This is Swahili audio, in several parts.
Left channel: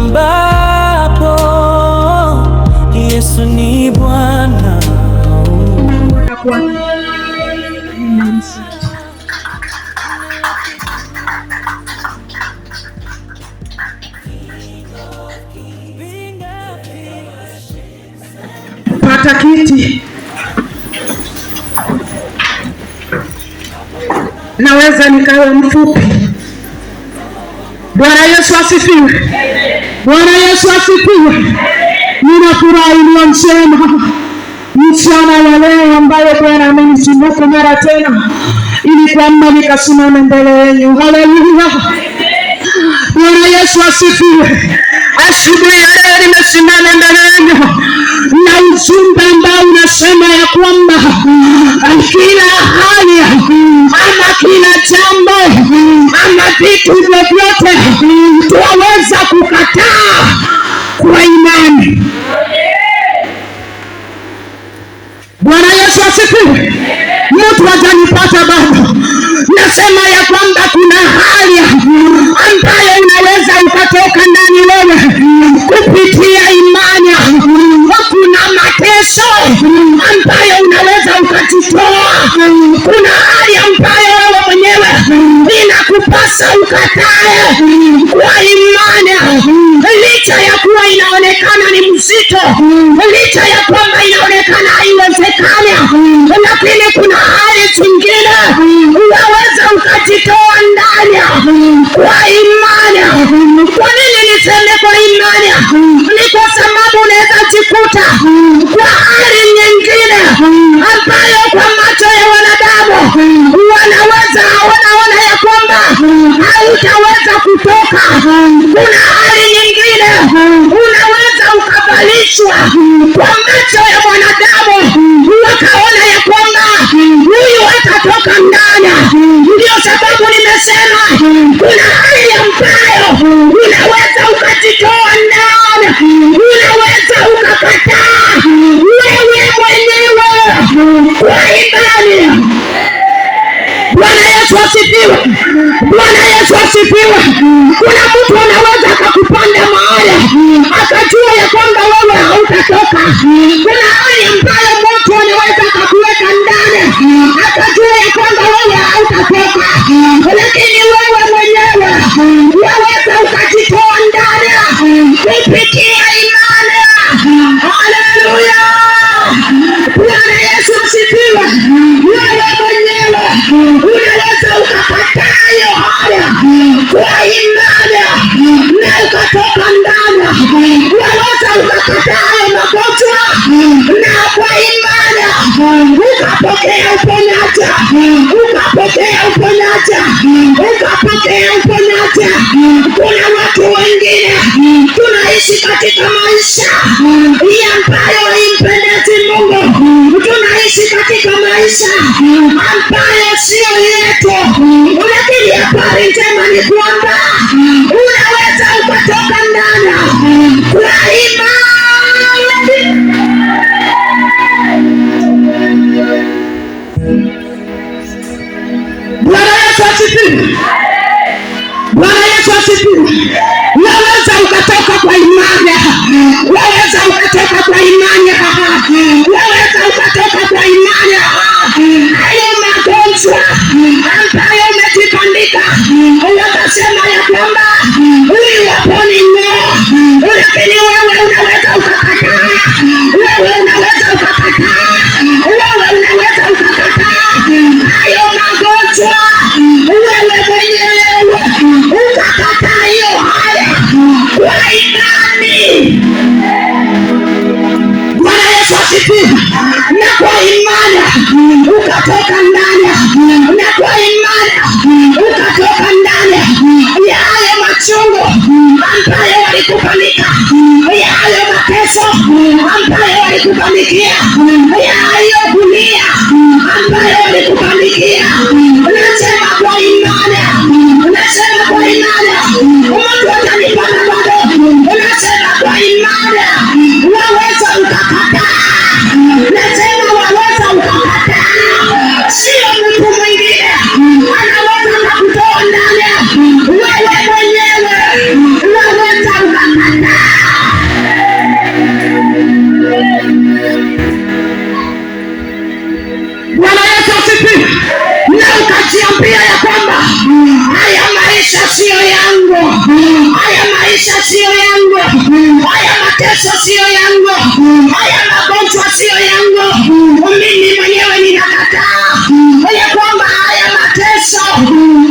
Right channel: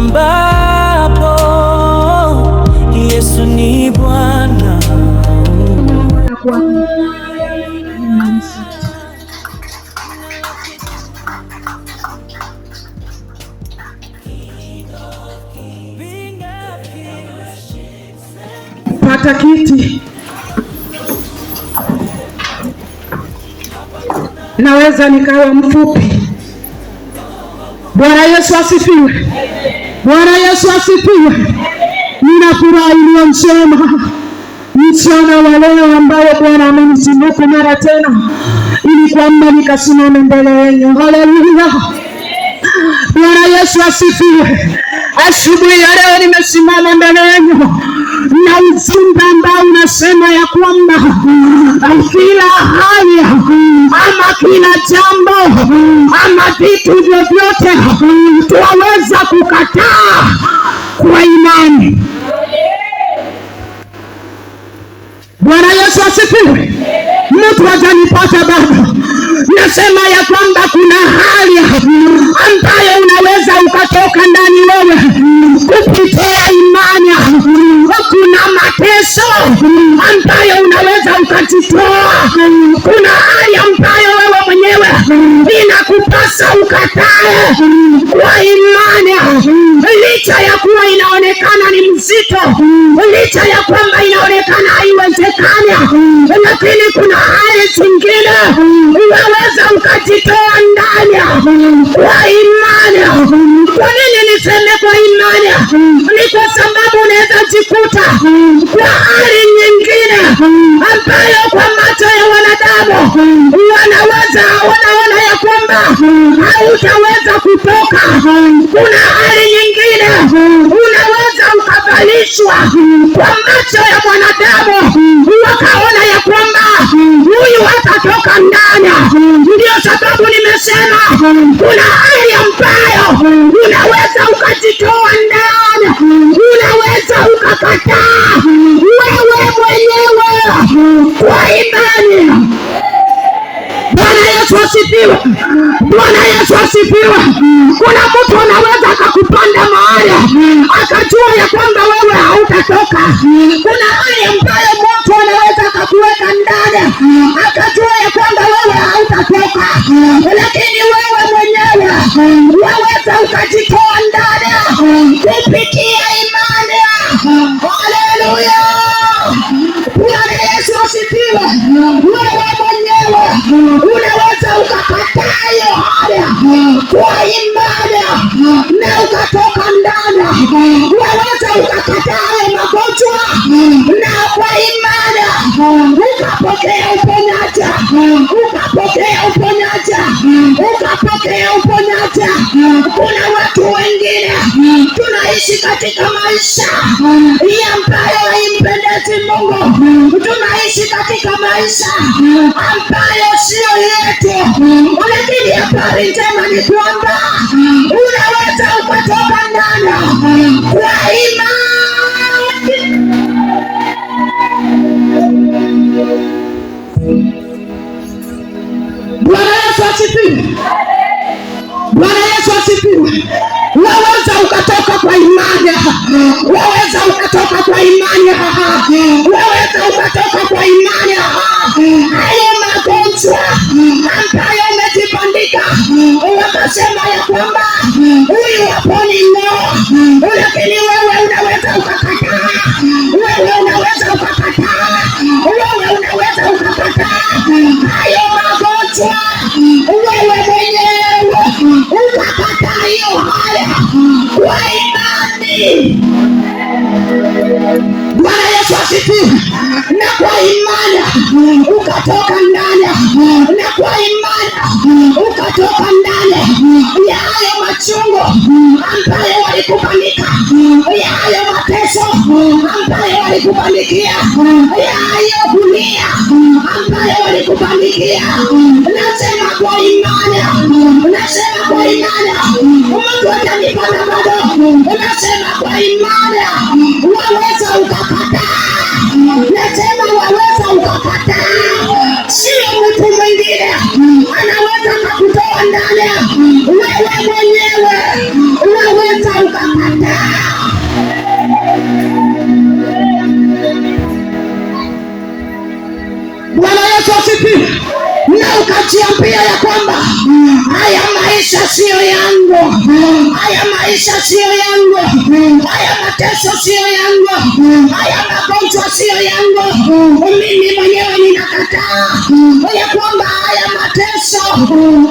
ambapo Yesu ni Bwana. Pata kiti. Naweza nikawe mfupi. Bwana Yesu asifiwe. Bwana Yesu asifiwe. Nina furaha iliyo njema mchana wa leo ambayo Bwana amenitunuku mara tena ili kwamba nikasimame mbele yenu. Haleluya. Bwana Yesu asifiwe. Asubuhi ya leo nimesimama mbele yenu na ujumbe ambao unasema ya kwamba kila hali ama kila jambo ama vitu vyovyote tuweza kukataa kwa imani. Bwana Yesu asifiwe. Mtu atanipata bado. Nasema ya kwamba kuna hali ambayo unaweza ukatoka ndani wewe kupitia imani. Kuna mateso ambayo unaweza ukajitoa. Kuna hali ambayo wewe mwenyewe inakupasa ukatae kwa imani. Licha ya kuwa inaonekana ni mzito, licha ya kwamba inaonekana haiwezekani, lakini kuna hali zingine unaweza ukajitoa ndani kwa imani. Kwa nini niseme kwa imani? Ni kwa sababu unaweza jikuta kwa hali nyingine ambayo kwa macho ya wanadamu wanaona ya kwamba hautaweza kutoka. Kuna hali nyingine unaweza ukavalishwa kwa macho ya mwanadamu wakaona ya kwamba huyu hatatoka ndani. Ndio sababu nimesema kuna hali ambayo unaweza ukajitoa ndani, unaweza ukakataa wewe mwenyewe kwa imani. Bwana Yesu asifiwe. Bwana Yesu asifiwe. Kuna mtu anaweza akakupanda mahali akajua ya kwamba wewe hautatoka. Kuna hali ambayo mtu anaweza akakuweka ndani akajua ya kwamba wewe hautatoka, lakini wewe mwenyewe waweza ukajitoa ndani kupitia imani. Haleluya. Bwana Yesu asifiwe. Wewe mwenyewe unaweza ukakataa hiyo hali kwa imani na ukatoka ndani. Unaweza ukakataa magonjwa na kwa imani ukapokea uponyaji, ukapokea uponyaji, ukapokea uponyaji. Kuna watu wengine tunaishi katika maisha ambayo haimpendezi Mungu. Tunaishi katika maisha ambayo sio yetu, lakini habari njema ni kwamba unaweza ukatoka ndani kwa imani. Bwana Yesu asifiwe. Bwana Yesu asifiwe. Unaweza ukatoka kwa imani. Unaweza ukatoka kwa imani. Unaweza ukatoka kwa imani. Hayo magonjwa ambayo umetibandika unakasema ya kwamba huyu haponi ng'o, lakini wewe unaweza ukakataa. Wewe unaweza ukakataa. Wewe unaweza ukakataa hayo magonjwa. Wewe mwenyewe ukakataa hiyo hali kwa imani. Bwana Yesu asifiwe. Na kwa imani ukatoka ndani, na kwa imani ukatoka ndani ya hayo machungu ambayo walikupanika, ya hayo mateso ambayo walikupanikia, ya hayo dunia ambayo walikupanikia. Unasema kwa imani, unasema kwa imani, mtu atanipata bado. Unasema kwa imani unaweza ukakataa. Unasema waweza ukakataa. Sio mtu mwingine anaweza kukutoa ndani. Wewe mwenyewe unaweza ukakataa. sio yangu, haya magonjwa sio yangu. Mimi mwenyewe ninakataa ya kwamba haya mateso,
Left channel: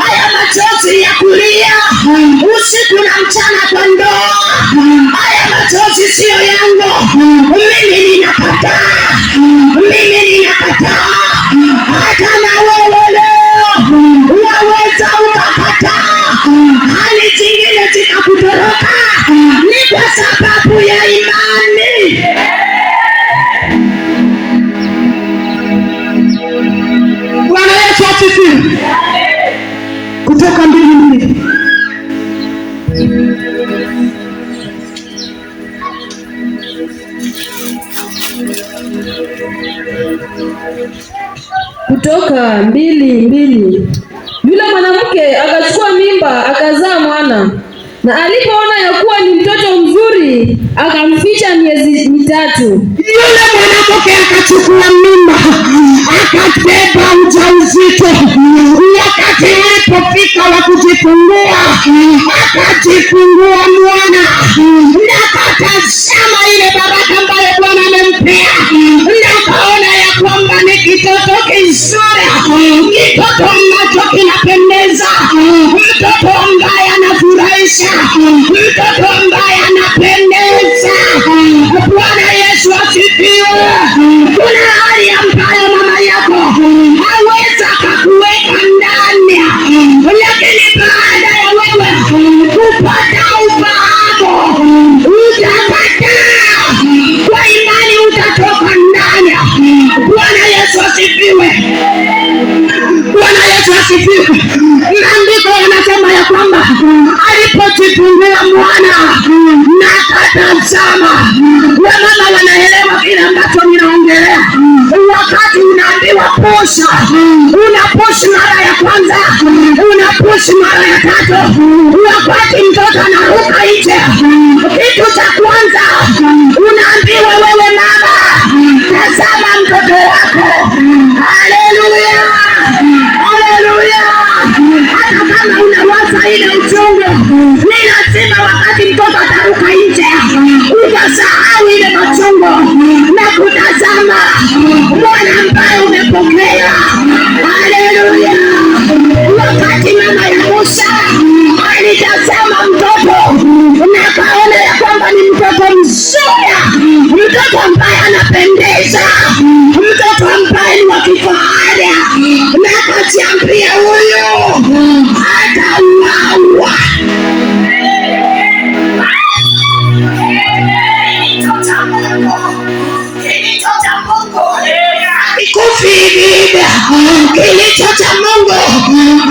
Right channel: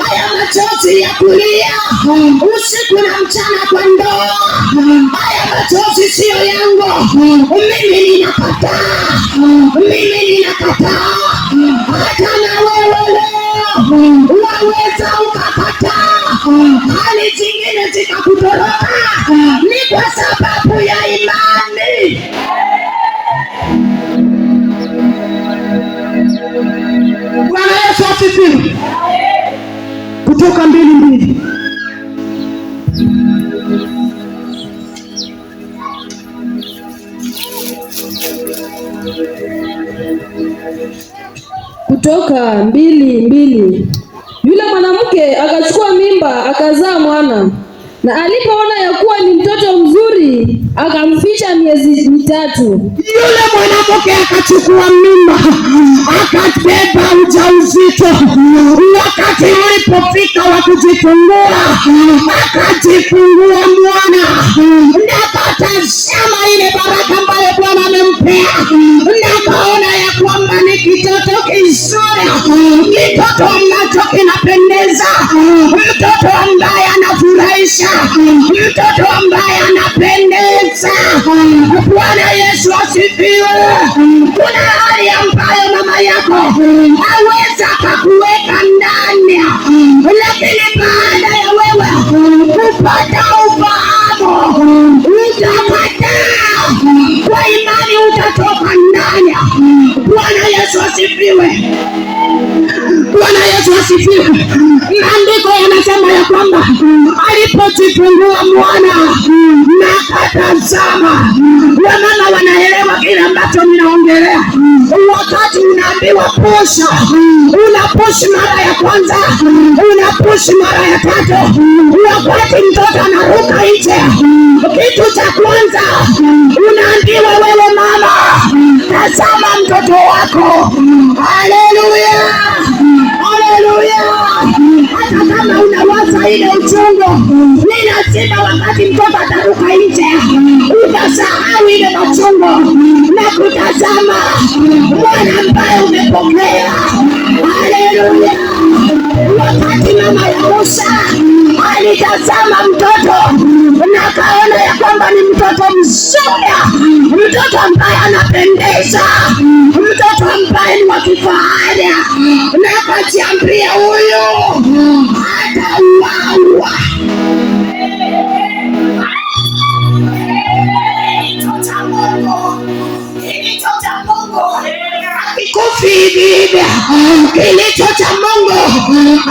haya machozi ya kulia usiku na mchana kwa ndoa, haya machozi sio yangu. Mimi ninakataa, mimi ninakataa. Hata na wewe leo waweza ukakataa, hali zingine zikakutoroka, ni kwa sababu ya imani. Bwana Yesu asifiwe. Kutoka 2:2. Kutoka 2:2. Yule mwanamke akachukua mimba akazaa mwana, na alipoona ya kuwa ni mtoto mzuri akamficha miezi 3. Yule mwanamke akachukua mimba akabeba ujauzito. Wakati alipofika wa kujifungua, akajifungua mwana, na akatazama ile baraka ambayo Bwana amempea, na kaona ya kwamba ni kitoto kizuri, kitoto ambacho kinapendeza, mtoto ambaye anafurahisha, mtoto ambaye anapendeza. Bwana Yesu asifiwe. Kuna hali ambayo mama yako haweza akakuweka ndani, lakini baada ya wewe kupata ufahamu utakataa, kwa imani utatoka ndani. Bwana Yesu asifiwe. Bwana Yesu asifiwe. Maandiko yanasema ya kwamba alipojifungua mwana na akatazama. Wamama wanaelewa kile ambacho ninaongelea. Wakati unaambiwa posha, unapushi mara ya kwanza, unapushi mara ya 3, wakati mtoto anaruka nje, kitu cha kwanza unaambiwa wewe mama, tazama mtoto wako. Haleluya, haleluya. Hata kama unawaza ile uchungu, ni lazima wakati mtoto ataruka nje unasahau ile machungu na kutazama mwana ambaye umepokea. Haleluya. Wakati mama ya Musa alitazama mtoto na kaona ya kwamba ni mtoto mzuri, mtoto ambaye anapendeza, mtoto ambaye ni wa kifahari, na akajiambia huyu atauawa. Kilicho cha Mungu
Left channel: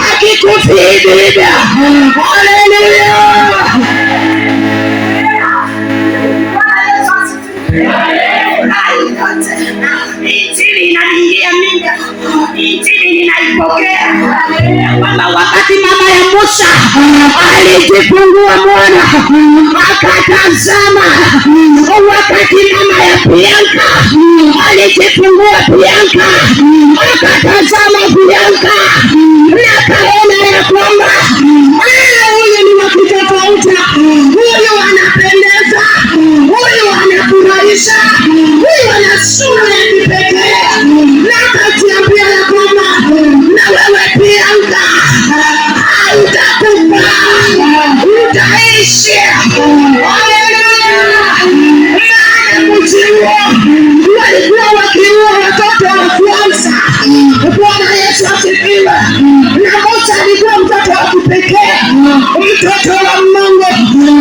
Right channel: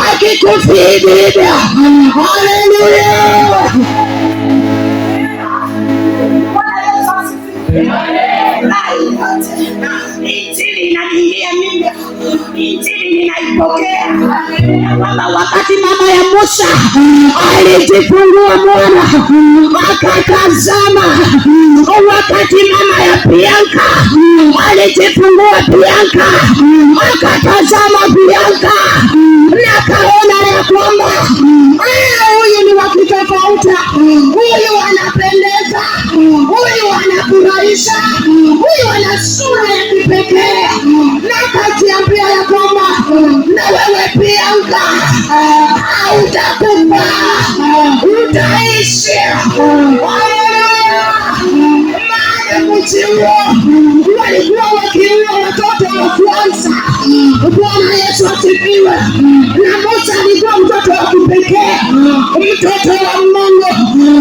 hakikufi hivi. Haleluya. Injili inaniingia mimi, injili ninaipokea, kwamba wakati mama ya Musa alijifungua mwana akatazama, wakati mama ya Bianka alijifungua Bianka akatazama Bianka, na kaona ya kwamba huyu ni wa kitofauti, huyu anapendeza, huyu anafurahisha, huyu ana sura ya kipekee, na kajiambia ya kwamba na wewe Bianka hautakufa, utaishi. Haleluya. Maana mji huo walikuwa wakiua watoto wa kwanza. Bwana Yesu asifiwe. Na Musa alikuwa mtoto wa kipekee, mtoto wa Mungu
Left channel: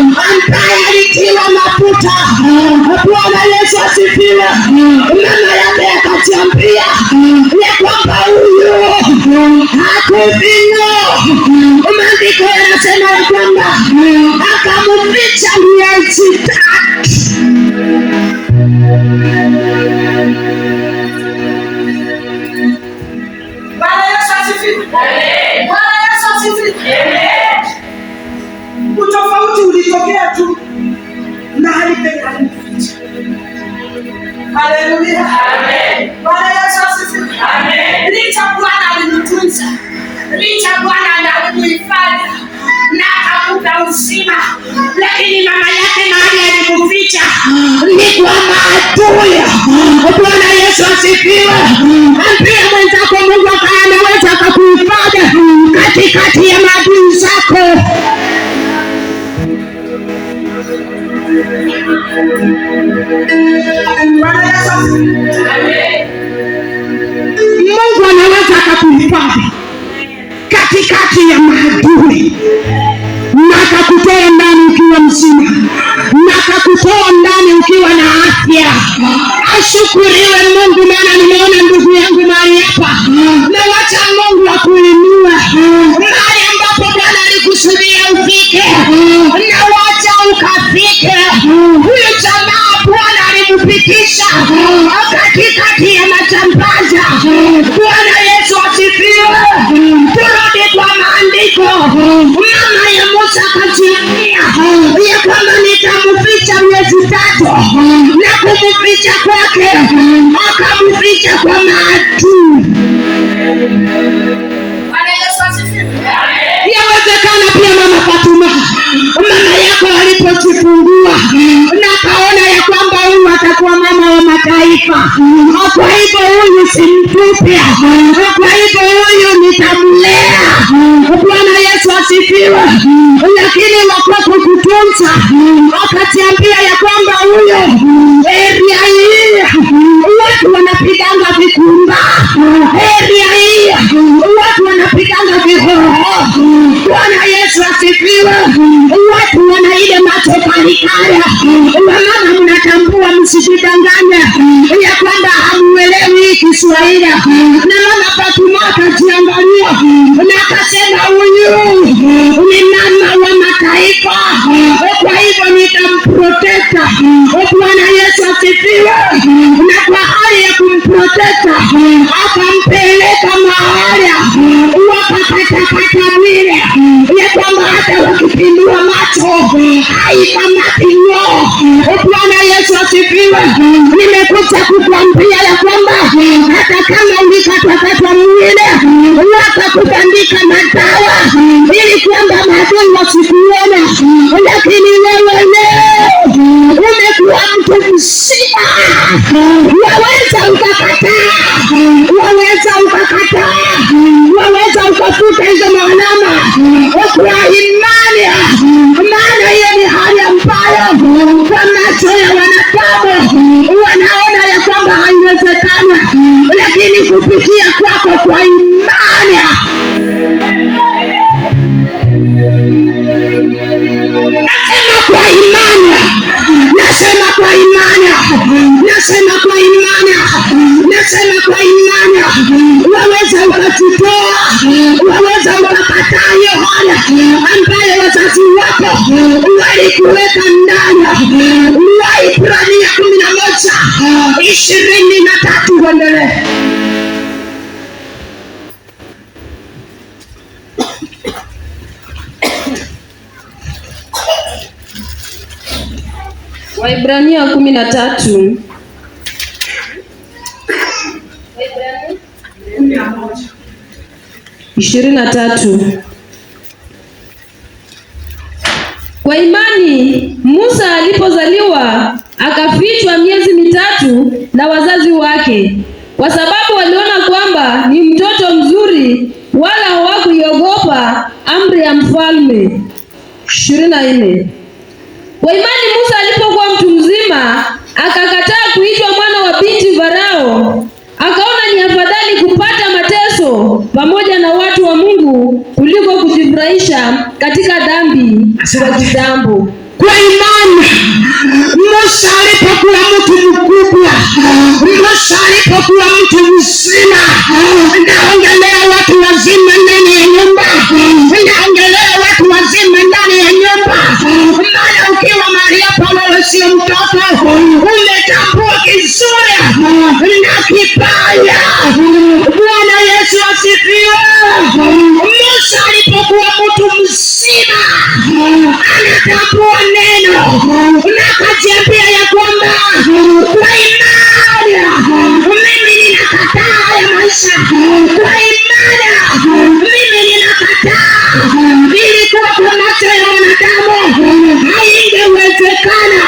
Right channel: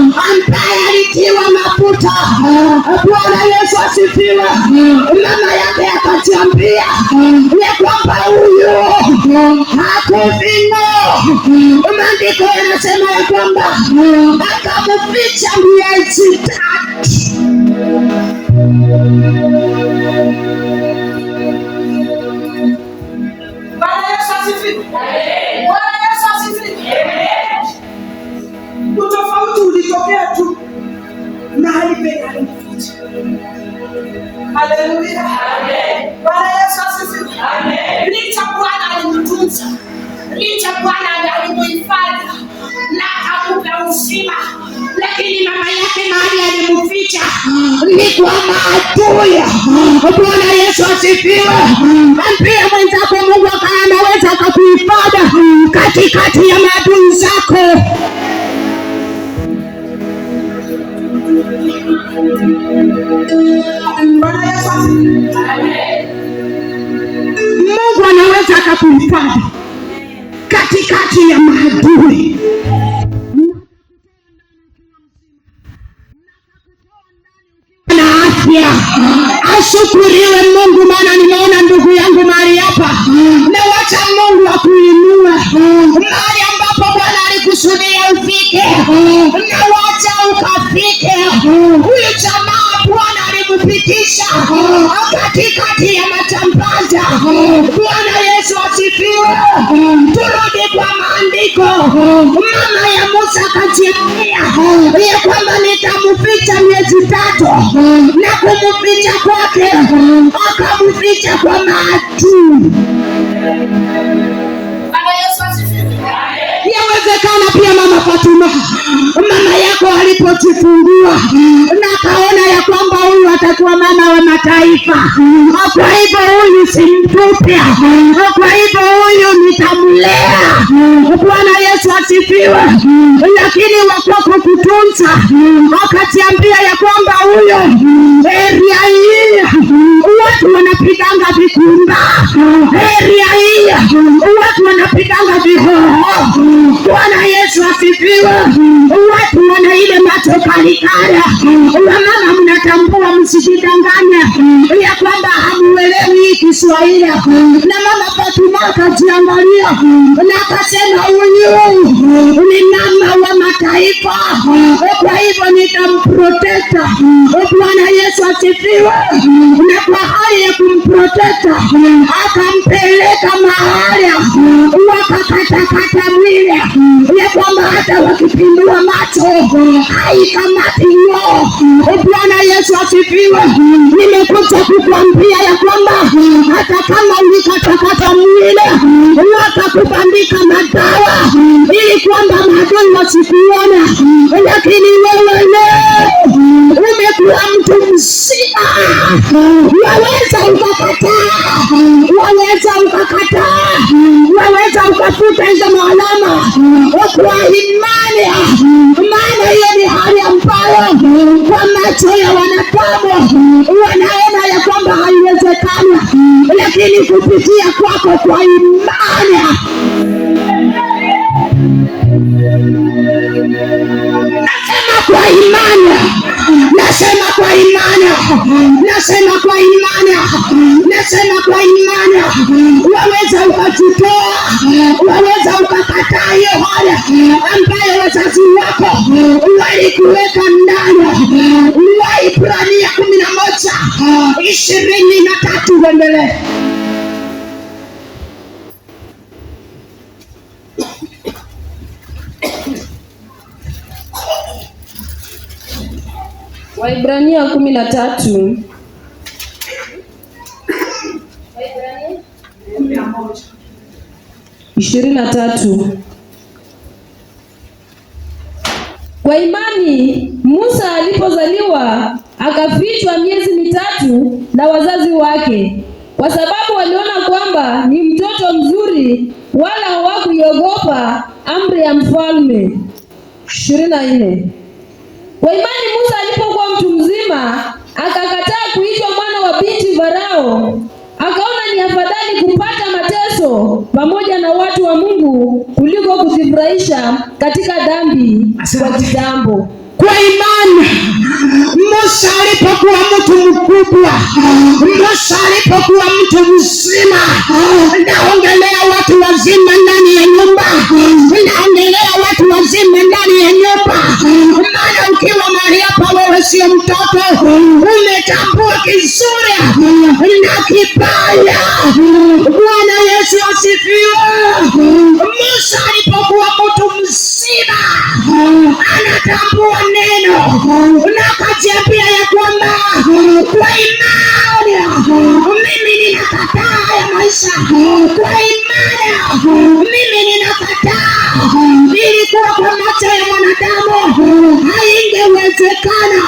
ambaye alitiwa mafuta. Bwana Yesu asifiwe. Mama yake akajiambia ya kwamba huyu hakuvino. Maandiko yanasema ya kwamba akamficha miezi 3. Bwana Yesu asifiwe. Bwana Yesu asifiwe. Utofauti ulitokea tu na haipenda kumficha. Haleluya. Amen. Bwana Yesu asifiwe. Amen. Licha Bwana alimtunza, licha Bwana alimuhifadhi na akampa uzima, lakini mama yake mahali alimficha Mungu anaweza akakuhifadhi katikati ya maadui na akakutoa ndani ukiwa mzima na akakutoa ndani ukiwa na afya. Ashukuriwe Mungu, maana nimeona ndugu yangu mahali hapa, na wacha Mungu akuinue mahali ambapo Bwana alikusudia ufike, na wacha ukafike. Huyu jamaa Bwana alimpitisha katikati ya majambaza. Bwana Yesu asifiwe. Turudi kwa maandiko. Mama ya Musa akajiambia ya kwamba nitamficha miezi 3, na kumficha kwake akamficha kwa maadui. Yawezekana pia Mama Fatuma, mama yako alipojifungua na kaona ya kwamba huyu atakuwa mama wa mataifa, kwa hivyo huyu si mtupia, kwa hivyo huyu nitamlea. Bwana Yesu asifiwe. Lakini wakati kutunza akatiambia ya kwamba huyo area hii watu wanapiganga vikumba, area hii watu wanapiganga vihoho. Bwana Yesu asifiwe. Watu wana ile macho kalikaya. Mama mnatambua, msijidanganya ya kwamba hamuelewi Kiswahili. Na Mama Fatuma akajiangalia na akasema huyu ni mama wa mataifa, kwa hivyo nitamprotecta. Bwana Yesu asifiwe. Na kwa hali ya kumprotecta akampeleka mahali wakakatakata mwili ya kwamba hata wakipindua macho haikamatiyo. Bwana Yesu asifiwe. Nimekuja kukwambia ya kwamba hata kama ulikatakata mwili wakakubandika madawa ili kwamba maadui wasikuone, lakini wewe leo umekuwa mtu mzima. Waweza ukakataa, waweza ukakataa, waweza ukafuta hizo maandama kwa imani, maana hiyo ni hali ambayo kwa macho ya wanadamu wanaona ya kwamba haiwezekana, lakini kupitia kwako kwa imani nasema kwa imani, nasema kwa imani, nasema kwa imani, nasema kwa imani, waweza ukatutoa, waweza ukakataa hiyo hali ambayo wazazi wako walikuweka ndani. Waibrania 11:23 uendelee. Waibrania 13. Waibrania 23. Kwa imani Musa alipozaliwa akafichwa miezi 3 na wazazi wake, kwa sababu waliona kwamba ni mtoto mzuri, wala hawakuiogopa amri ya mfalme. 24. Kwa imani Musa alipokuwa mtu mzima akakataa kuitwa mwana wa binti Farao, akaona ni afadhali kupata mateso pamoja na watu wa Mungu kuliko kujifurahisha katika dhambi kwa kitambo. Kwa imani Musa alipokuwa mtu mkubwa, Musa alipokuwa mtu mzima, naongelea watu wazima ndani ya nyumba, naongelea watu wazima ndani ya nyumba. Maana ukiwa mahali hapa wewe sio mtoto, umetambua kizuri na kibaya. Bwana Yesu asifiwe. Musa alipokuwa mtu mzima anatambua neno na akajiambia ya kwamba kwa imani mimi ninakataa ya maisha, kwa imani mimi ninakataa. Ilikuwa kwa macho ya wanadamu haingewezekana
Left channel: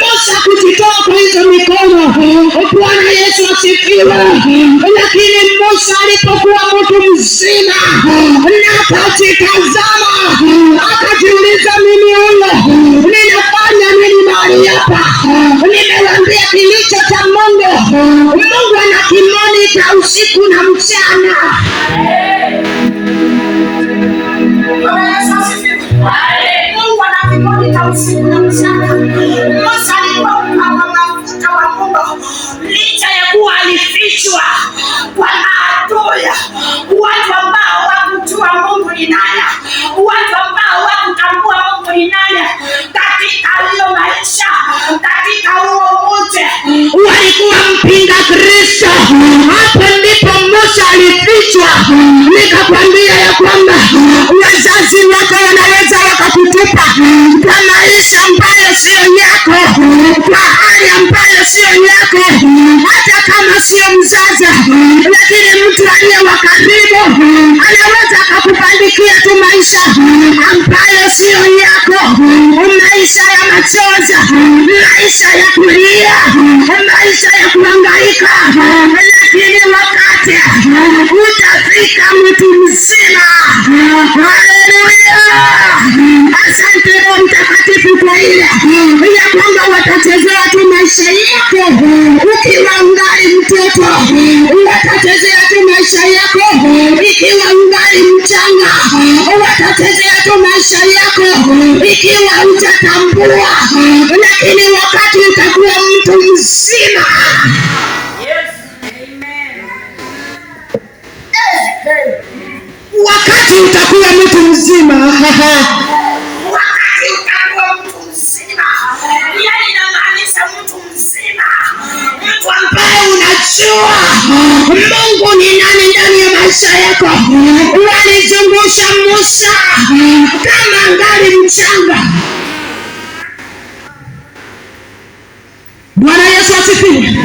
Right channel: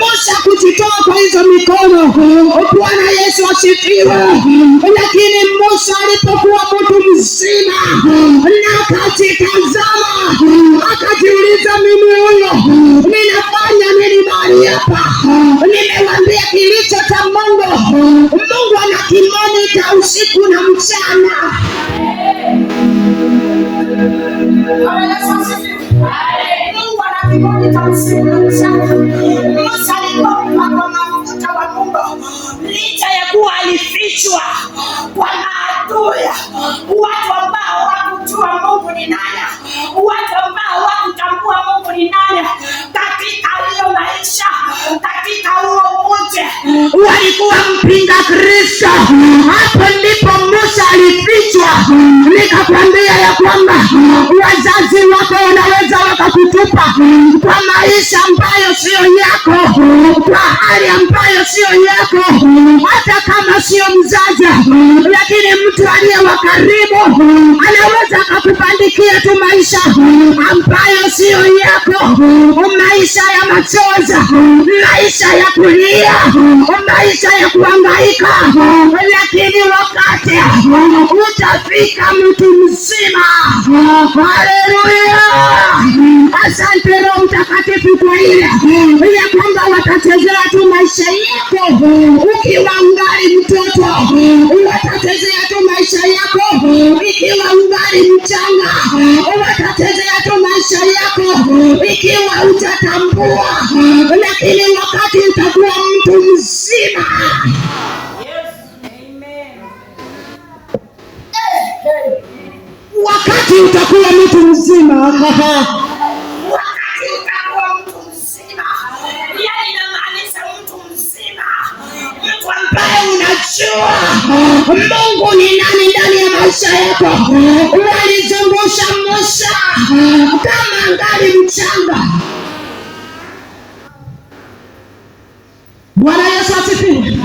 Musa kujitoa kwa hizo mikono. Bwana Yesu asifiwe. Lakini Musa alipokuwa mtu mzima na akajitazama, akajiuliza, mimi huyo ninafanya nini hapa. Nimewaambia kilicho cha Mungu, Mungu ana kimonita usiku na mchana. Mungu ana kimonita usiku na mchana. Musa alikuwa kwa mafuta wa Mungu, licha ya kuwa alifichwa kwa maadui, watu ambao wakujua Mungu ni nani, watu ambao wakutambua Mungu ni nani. Katika hiyo maisha, katika huo mji, walikuwa mpinga Kristo. Hapo ndipo Musa alifichwa. Nikakwambia ya kwamba wazazi wako wanaweza wakakutupa kwa maisha ambayo sio yako, kwa hali ambayo sio yako, hata kama sio mzazi, lakini mtu aliye wa karibu anaweza akakubandikia tu maisha ambayo sio yako, maisha ya machozi, maisha ya kulia, maisha ya kuhangaika. Lakini wakati utafika mtu mzima. Haleluya! Asante Roho Mtakatifu kwa ile ya kwamba watachezea tu maisha yako ukiwa ungali mtoto, watachezea tu maisha yako ikiwa ungali mchanga, watachezea tu maisha yako ikiwa hutatambua. Lakini wakati utakuwa mtu mzima, wakati utakuwa mtu mzima, wakati utakuwa mtu mzima, yani inamaanisha mtu mzima, mtu ambaye unajua Mungu ni nani ndani ya maisha yako. Walizungusha Musa kama ngali mchanga. Bwana Yesu asifiwe.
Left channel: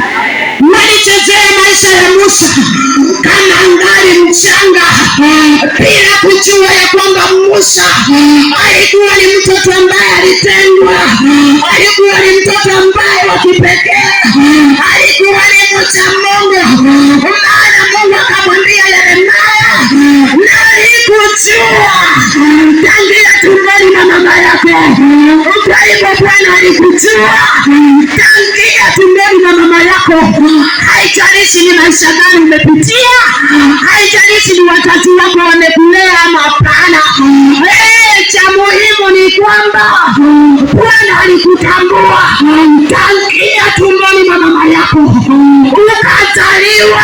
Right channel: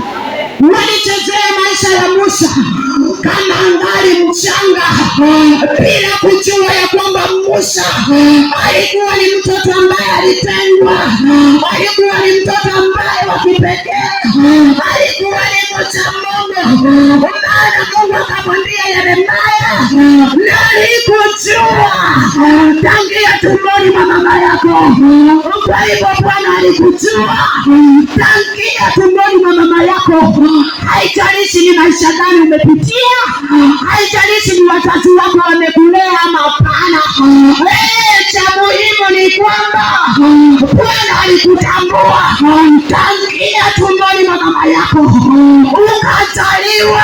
Walichezea maisha ya Musa kama ngali mchanga, bila kujua ya kwamba Musa alikuwa ni mtoto ambaye alitengwa, alikuwa ni mtoto ambaye wa kipekee, alikuwa ni mcha Mungu. Maana Mungu akamwambia Yeremia, nalikujua tangia tumboni mwa mama yako. Kwa hivyo Bwana alikujua tangia tumboni mwa mama yako. Haijalishi ni maisha gani umepitia, haijalishi ni wazazi wako wamekulea ama hapana. Cha muhimu ni kwamba Bwana alikutambua tangia tumboni mwa mama yako. Ukazaliwa,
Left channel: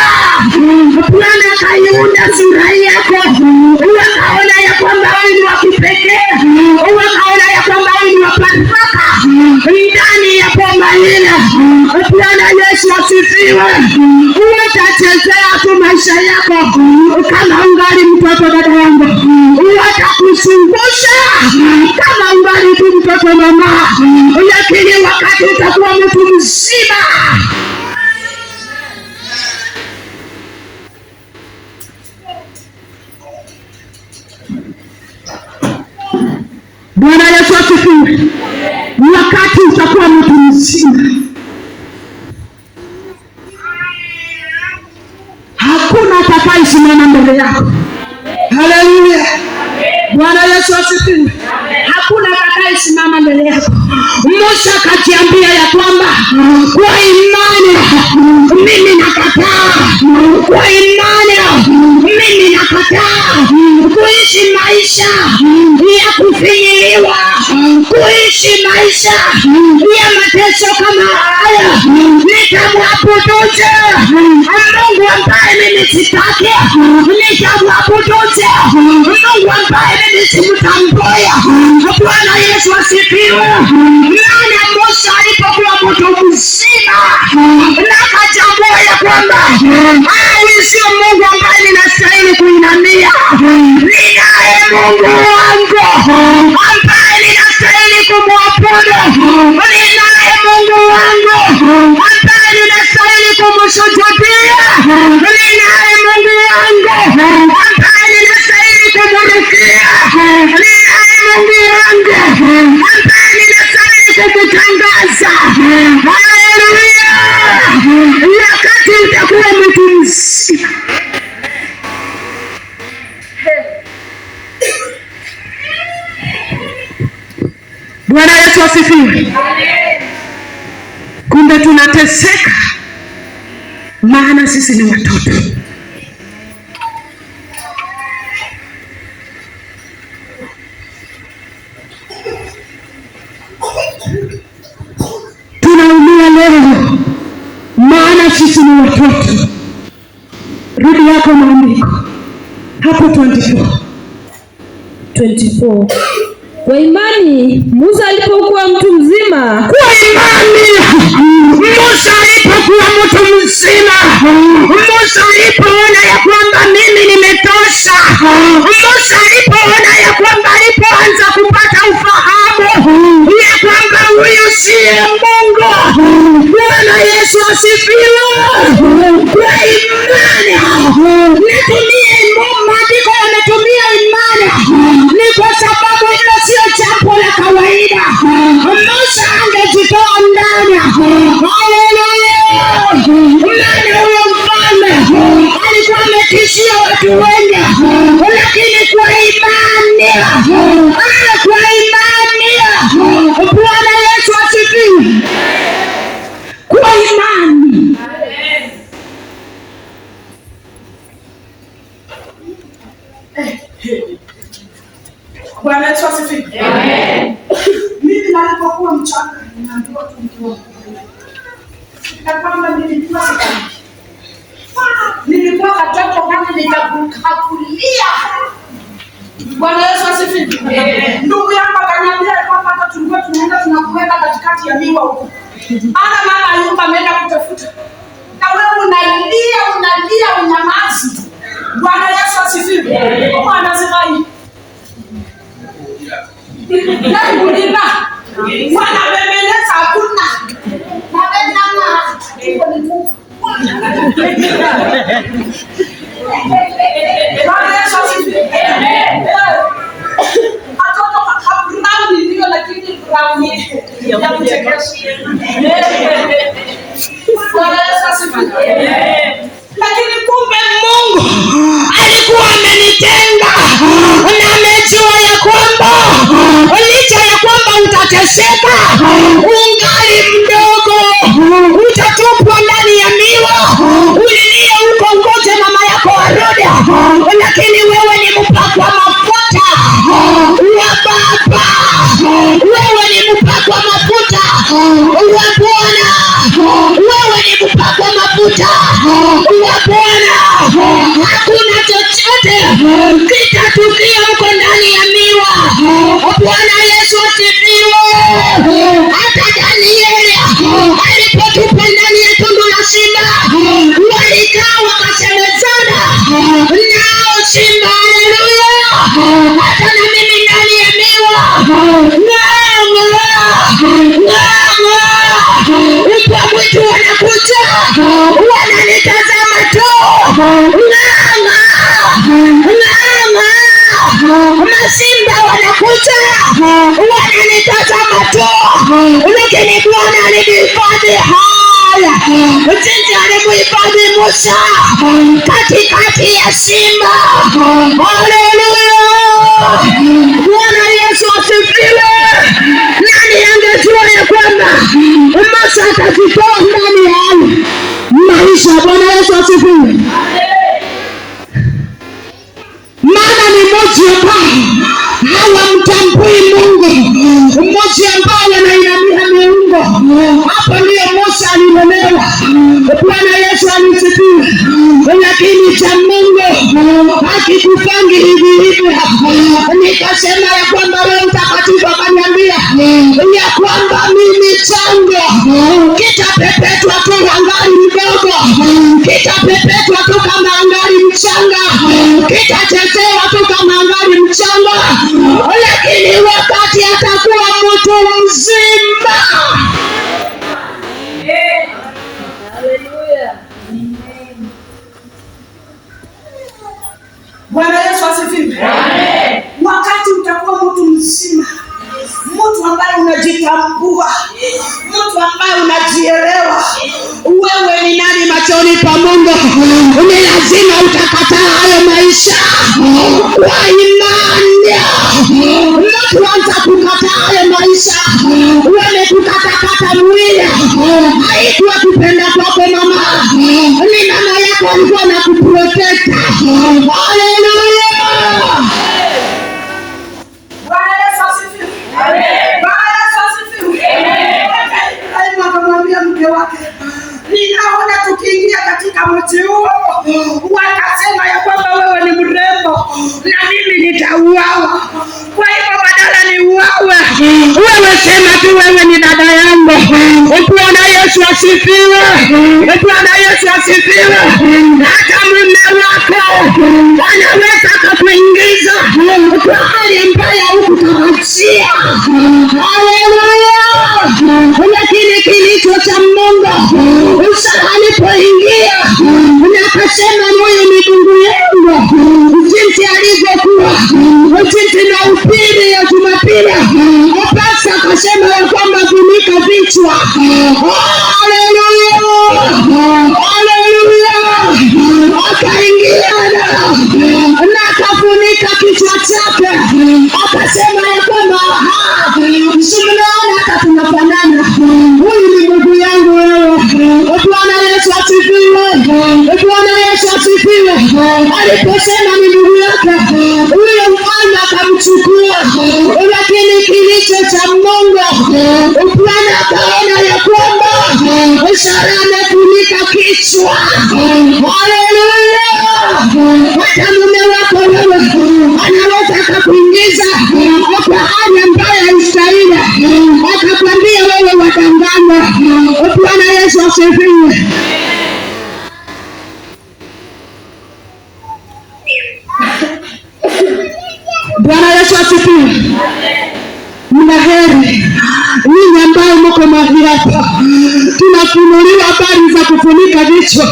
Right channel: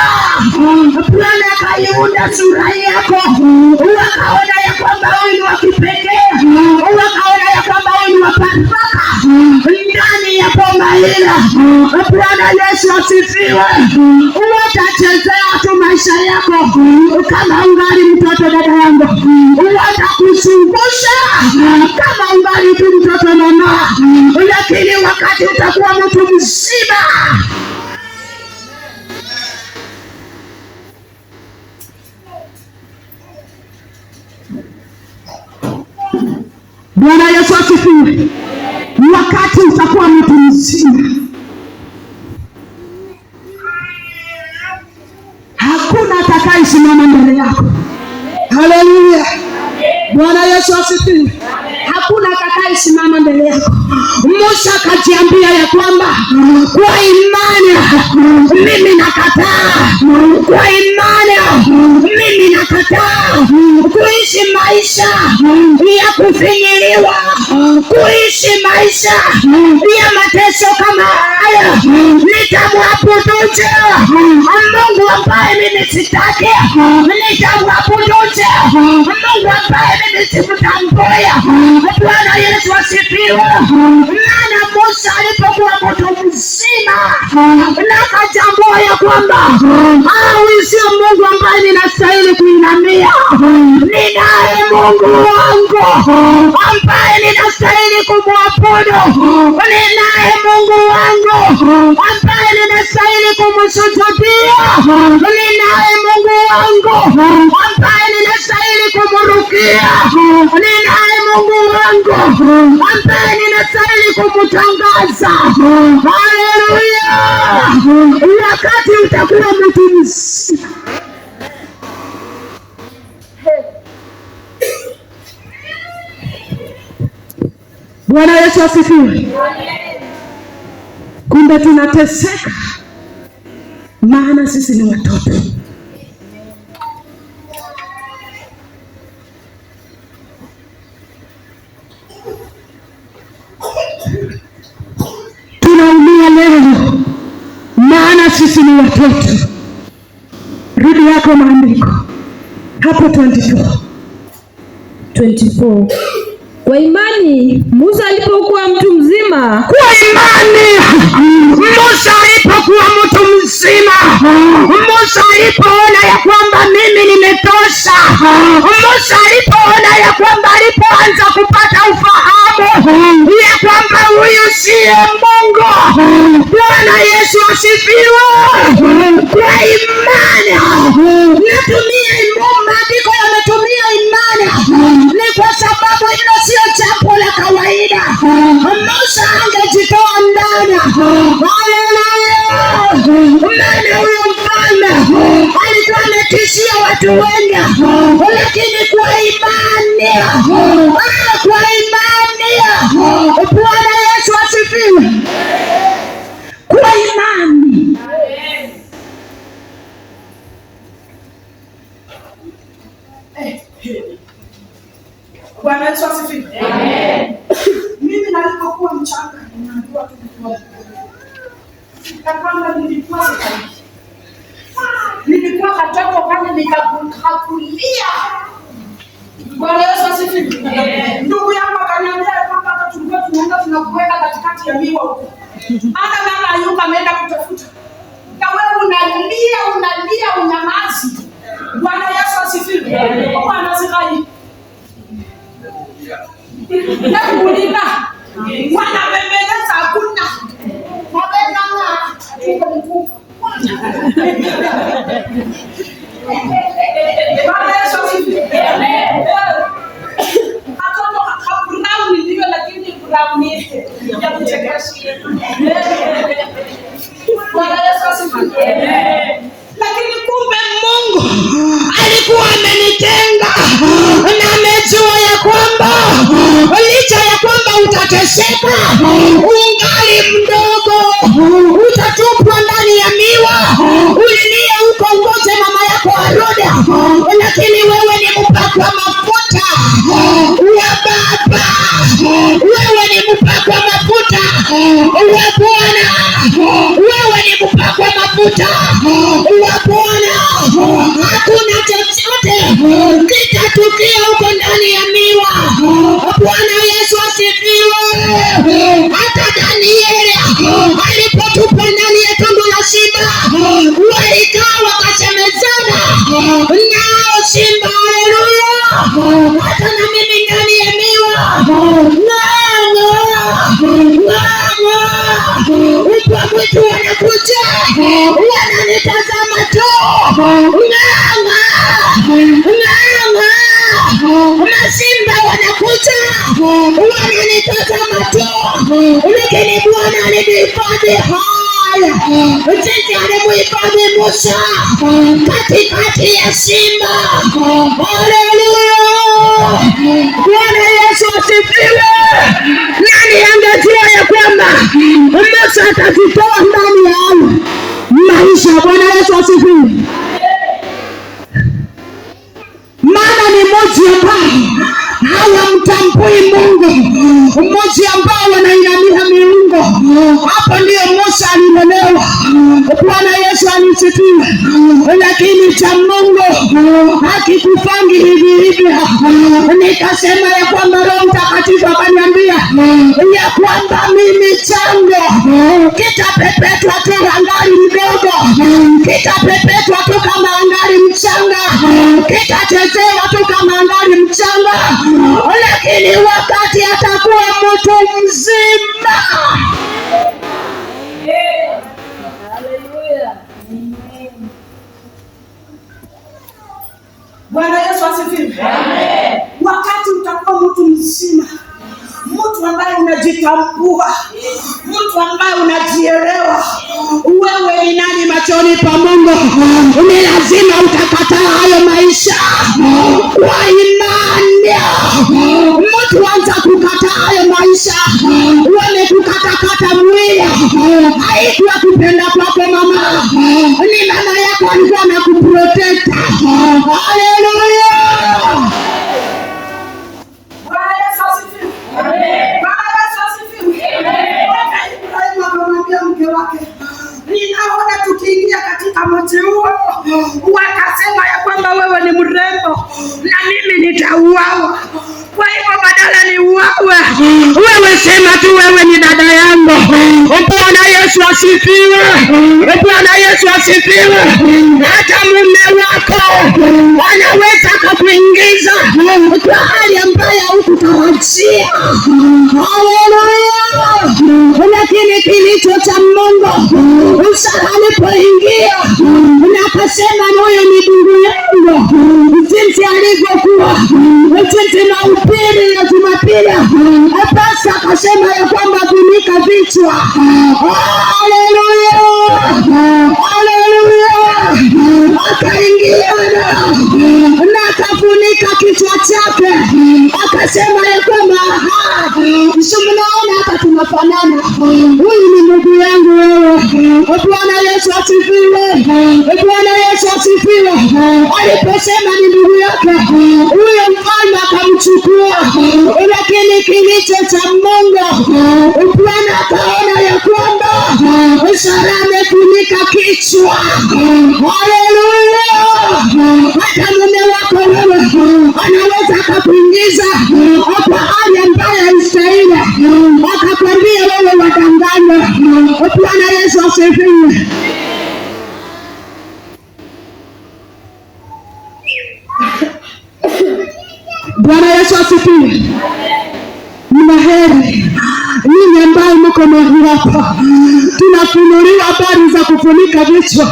Bwana akaiunda sura yako, wakaona ya kwamba wewe ni wa kipekee, wakaona ya kwamba wewe ni wa baraka ndani ya bomba hili. Bwana Yesu asifiwe. Utachezea tu maisha yako kama ungali mtoto, dada yangu, watakushungusha kama ungali tu mtoto mama, lakini wakati utakuwa mtu mzima, Bwana Yesu asifiwe, wakati utakuwa mtu mzima, hakuna atakayesimama mbele yako. Haleluya! Bwana Yesu asifiwe. Hakuna atakayesimama mbele yako. Musa akajiambia ya kwamba kwa imani mimi nakataa, kwa imani mimi nakataa kuishi maisha ya kufinyiliwa, kuishi maisha ya mateso kama haya. Nitamwabuduje Mungu ambaye mimi sitaki? Nitamwabuduje Mungu ambaye mimi simtamboya? Bwana Yesu asifiwe. Maana Musa alipokuwa mtu mzima na akatambua ya kwamba huyu sio Mungu ambaye ninastahili kuinamia, ninaye Mungu wangu ambaye ninastahili kumwabudu, ninaye Mungu wangu ambaye ninastahili kumsujudia, ninaye Mungu wangu ambaye ninastahili kumrukia, ninaye Mungu wangu ambaye ninastahili kumtangaza. Haleluya! Wakati utakuwa mtu mzima, Bwana Yesu asifiwe. na tunateseka maana sisi ni watoto. Tunaumia leo maana sisi ni watoto. Rudi yako maandiko hapo 24. Kwa imani Musa alipokuwa mtu mzima. Kwa imani Musa alipokuwa mtu mzima. Musa alipoona ya kwamba mimi nimetosha. Musa alipoona ya kwamba, alipoanza kupata ufahamu ya kwamba huyu siye Mungu. Bwana Yesu asifiwe. Kwa imani, natumia maandiko yametumia imani, ni kwa sababu hilo sio jambo la kawaida. Musa angejitoa ndani. Haleluya. Maana huyo mfalme alikuwa ametishia watu wengi, lakini kwa imani, kwa imani. Bwana Yesu asifiwe. Kwa imani. Bwana Yesu asifiwe. Amen. Mimi nilipokuwa mchanga ninaambiwa tu nikiwa na kwamba nilikuwa sikali. Nilikuwa katoto kama nikakulia. Bwana Yesu asifiwe. Amen. Ndugu yangu akaniambia kwamba hata tulikuwa tunaenda tunakuweka katikati ya miwa huko. Ana mama yuko ameenda kutafuta. Na wewe unalia unyamazi. Bwana Yesu asifiwe. Bwana asifiwe. Kulina wanabembeleza hakuna mabendanga tuko ni kuku. Bwana Yesu asifiwe. Watoto brown ndio, lakini brown ya kuchekesha. Bwana Yesu asifiwe. Lakini kumbe Mungu alikuwa amenitenga na amejua ya kwamba licha ya kwamba utateseka, ungali mdogo, utatupwa ndani ya miwa, ulilie huko ngoje mama yako arudi, lakini wewe ni mpakwa mafuta wa Baba, wewe ni mpakwa mafuta wa Bwana, wewe ni mpakwa mafuta wa Bwana. Hakuna chochote kitatukia huko ndani ya miwa. Bwana Yesu asifiwe. Hata Danieli alipotupwa ndani ya tundu la simba, walikaa wakasemezana nao simba. Haleluya. Hata na mimi ndani ya miwa mbwa mwitu wanakuja, wananitazama tu. Masimba wanakuja, wananitazama tu. Lakini Bwana alinihifadhi haya, jinsi alivyohifadhi Musa katikati ya simba. Haleluya. Bwana Yesu asifiwe. Nani angejua ya kwamba Musa atajitoa ndani ya maisha? Bwana Yesu asifiwe. Maana ni mmoja ambao hawamtambui Mungu, mmoja ambao wananiambia miungu. Hapo ndio Musa aliolewa. Bwana Yesu asifiwe. Lakini cha Mungu hakikufanyi hivi hivi. Nikasema ya kwamba Roho Mtakatifu akaniambia ya kwamba mimi changu kitapepetwa tu angali mdogo, kitapepetwa tu kama angali mchanga, kitachezewa tu kama angali mchanga, lakini wakati atakuwa mtu mzima. Haleluya. Bwana Yesu asifiwe. Amen. Wakati utakuwa mtu mzima, mtu ambaye unajitambua, mtu ambaye unajielewa wewe ni nani machoni pa Mungu, ni lazima utakataa hayo maisha kwa imani. Mtu anza kukataa hayo maisha, wewe kukatakata mwili katika mji huo wakasema ya kwamba wewe ni mrembo na mimi nitauawa. Kwa hivyo badala niuawe, wewe sema tu wewe ni dada yangu. Bwana Yesu asifiwe. Bwana Yesu asifiwe. Hata mume wako anaweza kukuingiza kwa hali ambayo hukutarajia. Haleluya. Lakini kilicho cha Mungu alipoingia na akasema moyo ni ndugu yangu, jinsi alivyokuwa, jinsi na upili ya Jumapili, basi akasema ya kwamba funika vichwa. Haleluya. Haleluya. Akaingia na akafunika kichwa chake, akasema ya kwamba mnaona hata tunafanana, huyu ni ndugu yangu wewe. Bwana Yesu asifiwe. Bwana Yesu asifiwe. Aliposema ni ndugu yake, huyo mfalme akamchukua. Lakini kilicho cha Mungu, Bwana akaona ya kwamba Sara amefunika kichwa. Haleluya. Hata mume wako wewe anaweza akakuingiza kwa hali ambayo haistahili, akakwambia wewe wadanganya. Bwana Yesu asifiwe. Bwana Yesu asifiwe. Mna heri ninyi ambao mko mahali hapa, tunafunuliwa habari za kufunika vichwa.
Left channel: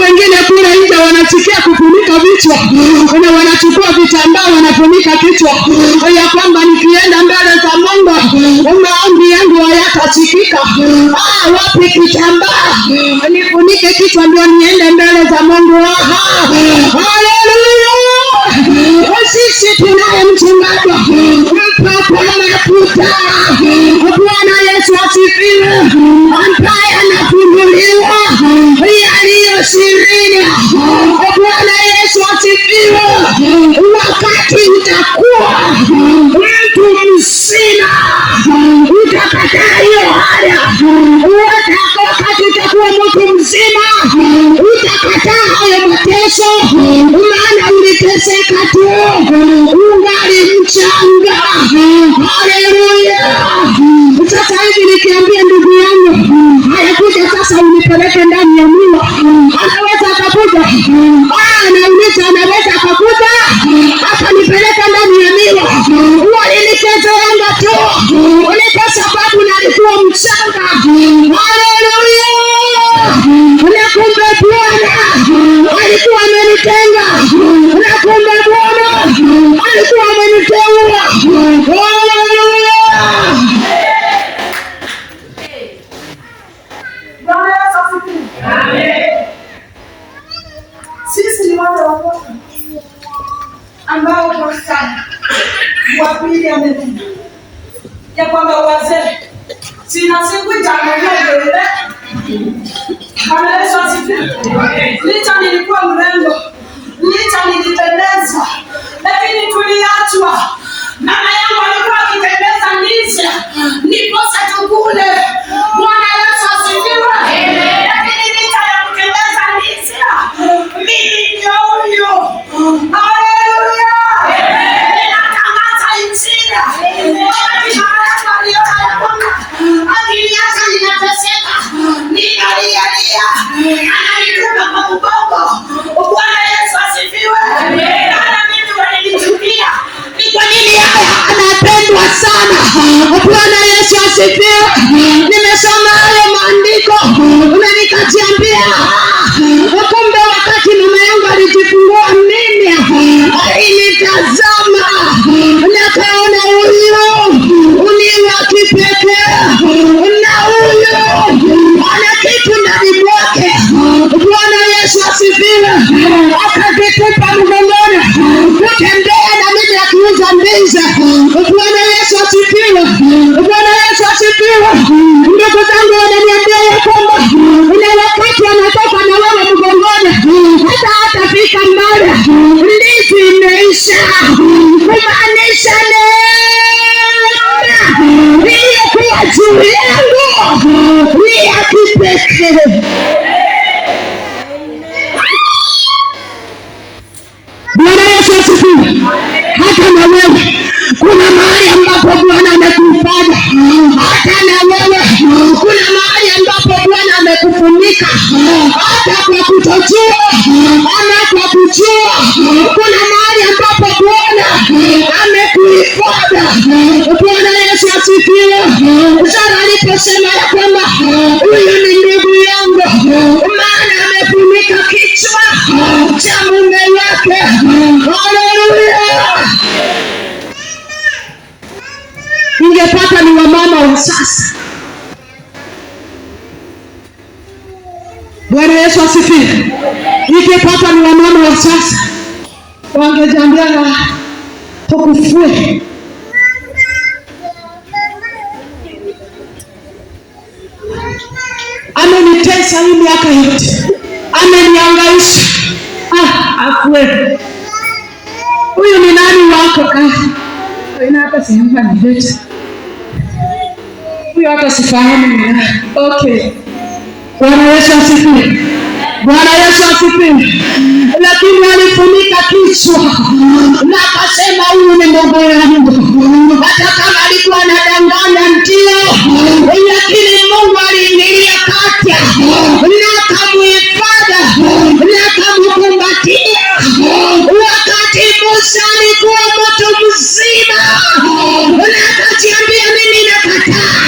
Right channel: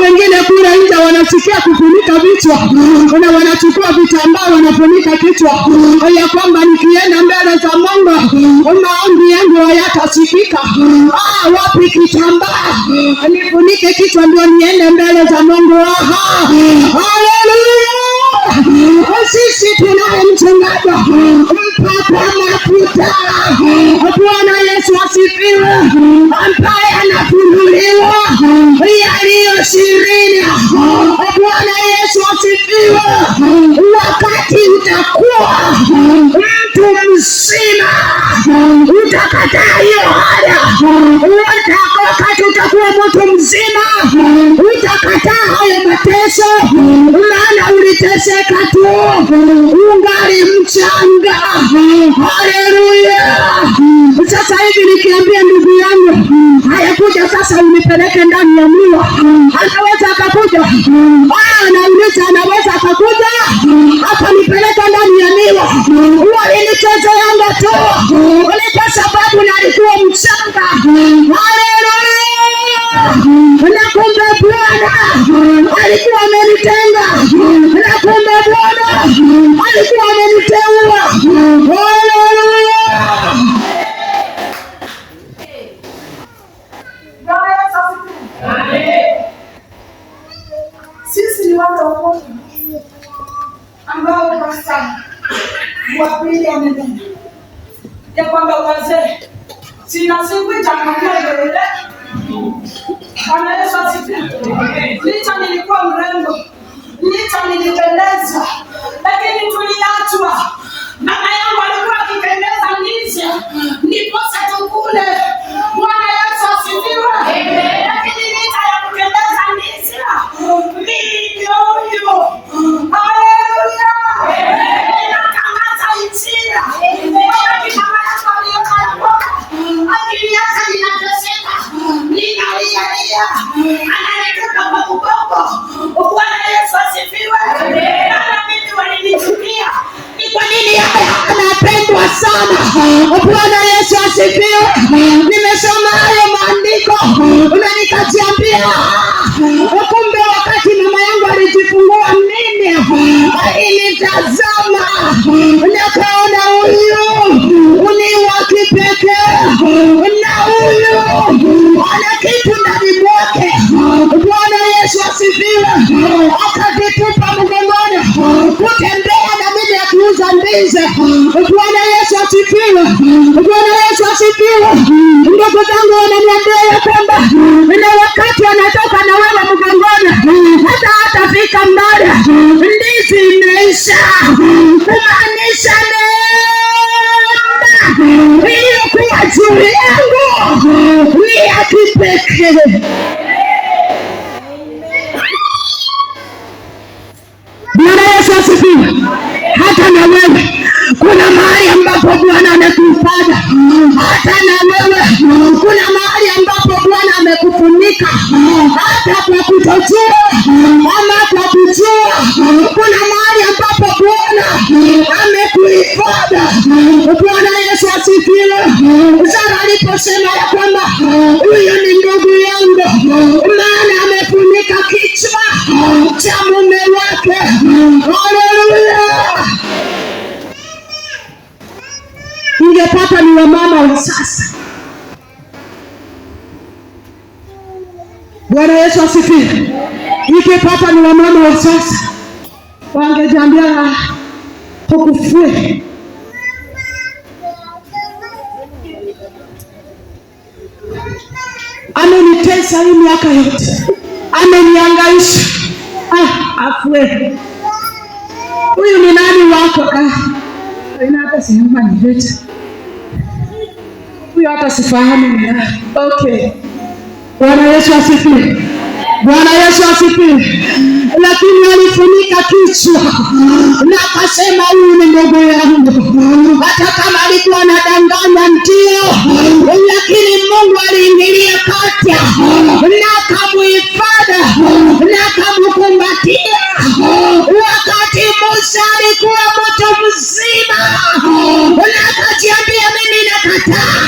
Wengine kule nje wanasikia kufunika vichwa na wanachukua vitambaa wanafunika kichwa, ya kwamba nikienda mbele za Mungu maombi yangu hayatasikika. Wapi kitambaa nifunike kichwa ndio niende mbele za Mungu? Haleluya. Sisi tunaye mchungaji mpaka mafuta. Bwana Yesu asifiwe, ambaye anafunguliwa yaliyo sirini. Bwana Yesu asifiwe. Wakati utakuwa mtu mzima utakataa hiyo haya. Wakati utakuwa mtu mzima utakataa hayo mateso, maana uliteseka tu ungali mchanga. Haleluya. Sasa hivi nikiambia ndugu yangu hayakuja sasa unipeleke ndani ya mlima, anaweza akakuja. Namleta anaweza akakuja hapa nipeleke ndani ya mlima. Walinichezeanga tu ni kwa sababu nalikuwa mchanga. Haleluya. Na kumbe Bwana alikuwa amenitenga, na kumbe Bwana alikuwa ameniteua. Haleluya. Bwana Yesu asifiwe. Amen. Sisi ni wale wamoja ambao pastor wa pili amenena ya kwamba wazee sina siku itaangalia mbele. Bwana Yesu asifiwe. Licha nilikuwa mrembo, licha nilipendeza, lakini tuliachwa. Mama yangu alikuwa akitembeza ndizi niposa tukule. Bwana Yesu asifiwe. Lakini licha ya kutembeza ndizi mimi ndio huyo. Haleluya. Ninatangaza injili. Wakati mama yangu aliona ya kwamba akiniacha ninateseka, ninalia, ananitupa kwa mgongo. Bwana Yesu asifiwe. Hata mimi walinichukia. Ni kwa nini haya anapendwa sana? Bwana Yesu asifiwe. wa sasa. Bwana Yesu asifiwe. Ike papa ni wamama wa sasa wangejambia hukufue. Amenitesa hii miaka yote, ameniangaisha. Afue. Huyu ni nani wako? Ina hata sehemu adileta. Huyu hata sifahamu ni nani. Okay. Bwana Yesu asifiwe. Bwana Yesu asifiwe. Lakini alifunika kichwa na akasema huyu ni gogo yangu. Hata kama alikuwa anadanganya ndio, lakini Mungu aliingilia kati na akamhifadhi na akamkumbatia. Wakati Musa alikuwa moto mzima, na akajiambia mimi nakataa.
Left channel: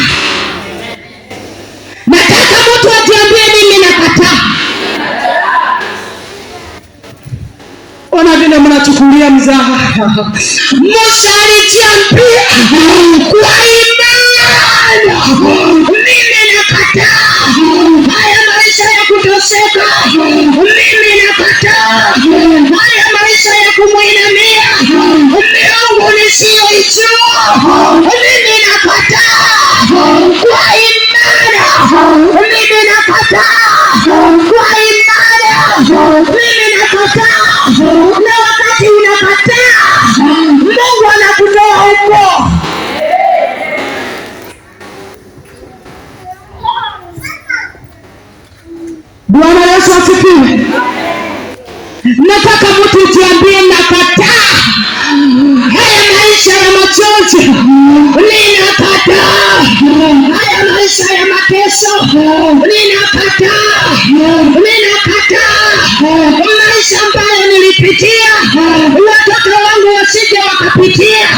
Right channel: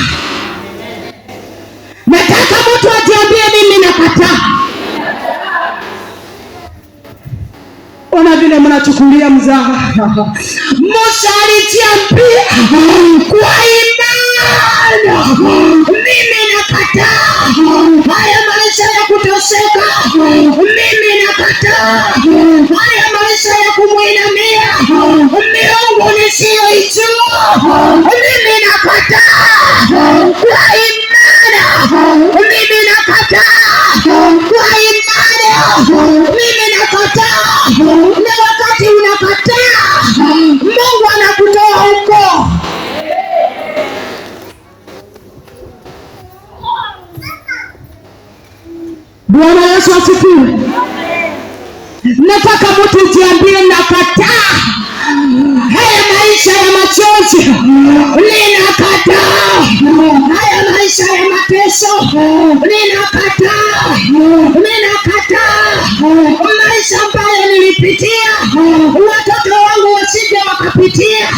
Nataka mtu ajiambie mimi nakataa. Ona vile mnachukulia mzaha. Musa alijiambia kwa imani, mimi nakataa haya maisha ya kutoseka. Mimi nakataa haya maisha ya kumwinamia miungu nisiyoijua. Mimi nakataa kwa imani. Mimi nakataa kwa imani. Mimi nakataa. Na wakati unakataa, Mungu anakutoa huko. Bwana Yesu asifiwe. Nataka mtu jiambie nakataa haya maisha ya machozi. Ninakataa haya maisha ya mateso. Ninakataa. Ninakataa maisha ambayo nilipitia, watoto wangu wasije wakapitia.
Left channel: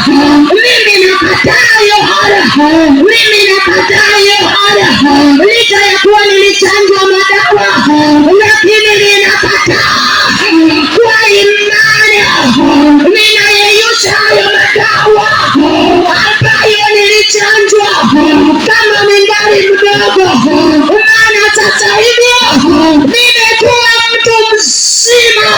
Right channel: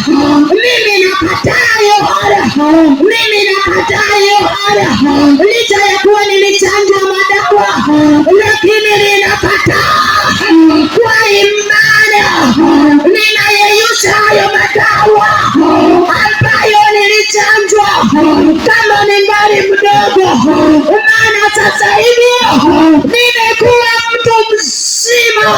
Mimi nakataa hiyo hara. Mimi nakataa hiyo hara. Licha ya kuwa nilichanjwa madawa, lakini ninakataa kwa imani. Ninayeyusha hayo madawa ambayo nilichanjwa kama ningali mdogo. Maana sasa hivi nimekuwa mtu mzima.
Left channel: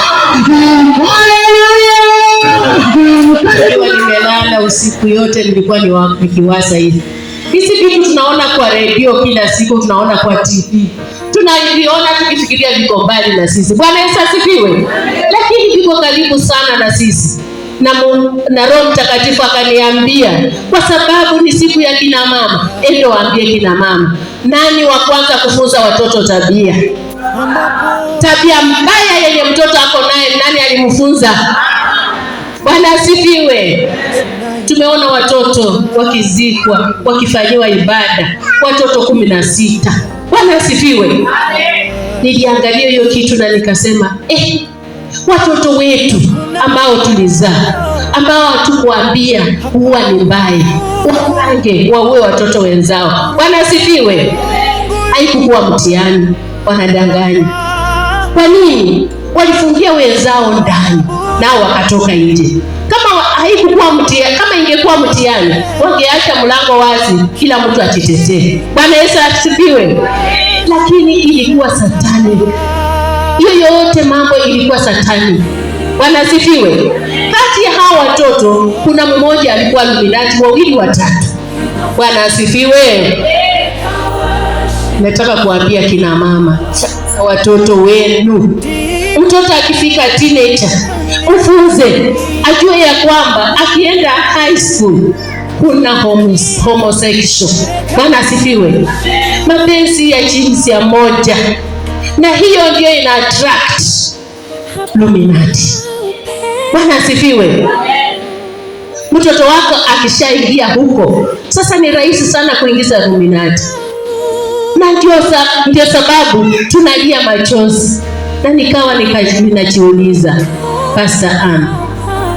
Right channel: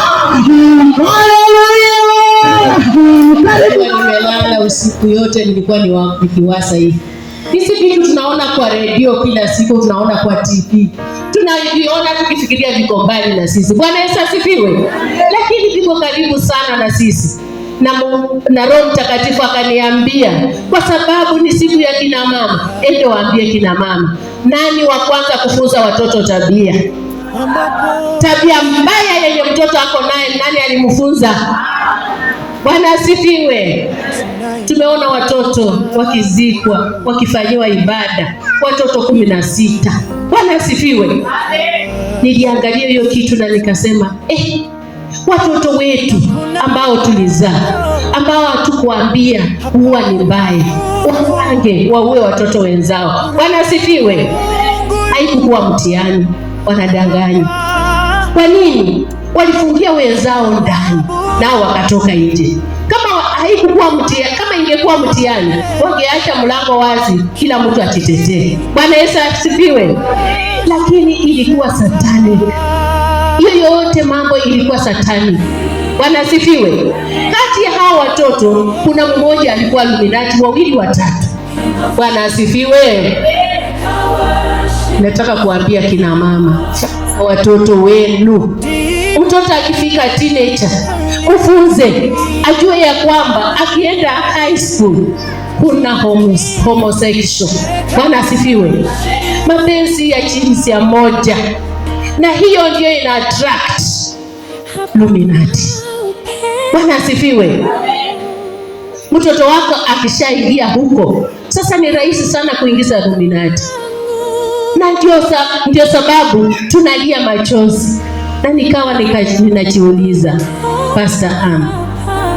Nimelala usiku yote, nilikuwa nikiwaza hivi. Hizi vitu tunaona kwa redio kila siku, tunaona kwa TV, tunaviona tukifikiria viko mbali na sisi. Bwana Yesu asifiwe. Lakini viko karibu sana na sisi. Na Roho Mtakatifu akaniambia, kwa sababu ni siku ya kina mama, ende waambie kina mama, nani wa kwanza kufunza watoto tabia mbaya yenye mtoto ako naye, nani alimfunza? Bwana asifiwe. Tumeona watoto wakizikwa, wakifanyiwa ibada, watoto 16. Bwana asifiwe. Niliangalia hiyo kitu na nikasema, watoto wetu ambao tulizaa, ambao hatukuambia huwa ni mbaya, wapange waue watoto wenzao. Bwana asifiwe. Haikuwa mtihani, wanadanganya. Kwa nini? Walifungia wenzao ndani, nao wakatoka nje. Kama haikuwa mtihani, kama ingekuwa mtihani, wangeacha mlango wazi, kila mtu ajitetee. Bwana Yesu asifiwe. Lakini ilikuwa satani. Hiyo yote mambo ilikuwa satani. Bwana asifiwe. Kati ya hao watoto kuna mmoja alikuwa Illuminati, wawili watatu. Bwana asifiwe. Nataka kuambia kina mama, watoto wenu, mtoto akifika teenager, ufunze ajue ya kwamba akienda high school kuna homosexual. Bwana asifiwe. Mapenzi ya jinsia moja, na hiyo ndio ina attract Illuminati. Bwana asifiwe. Mtoto wako akishaingia huko, sasa ni rahisi sana kuingiza Illuminati. Na ndio sababu tunalia machozi. Na nikawa ninajiuliza, Pastor Ann,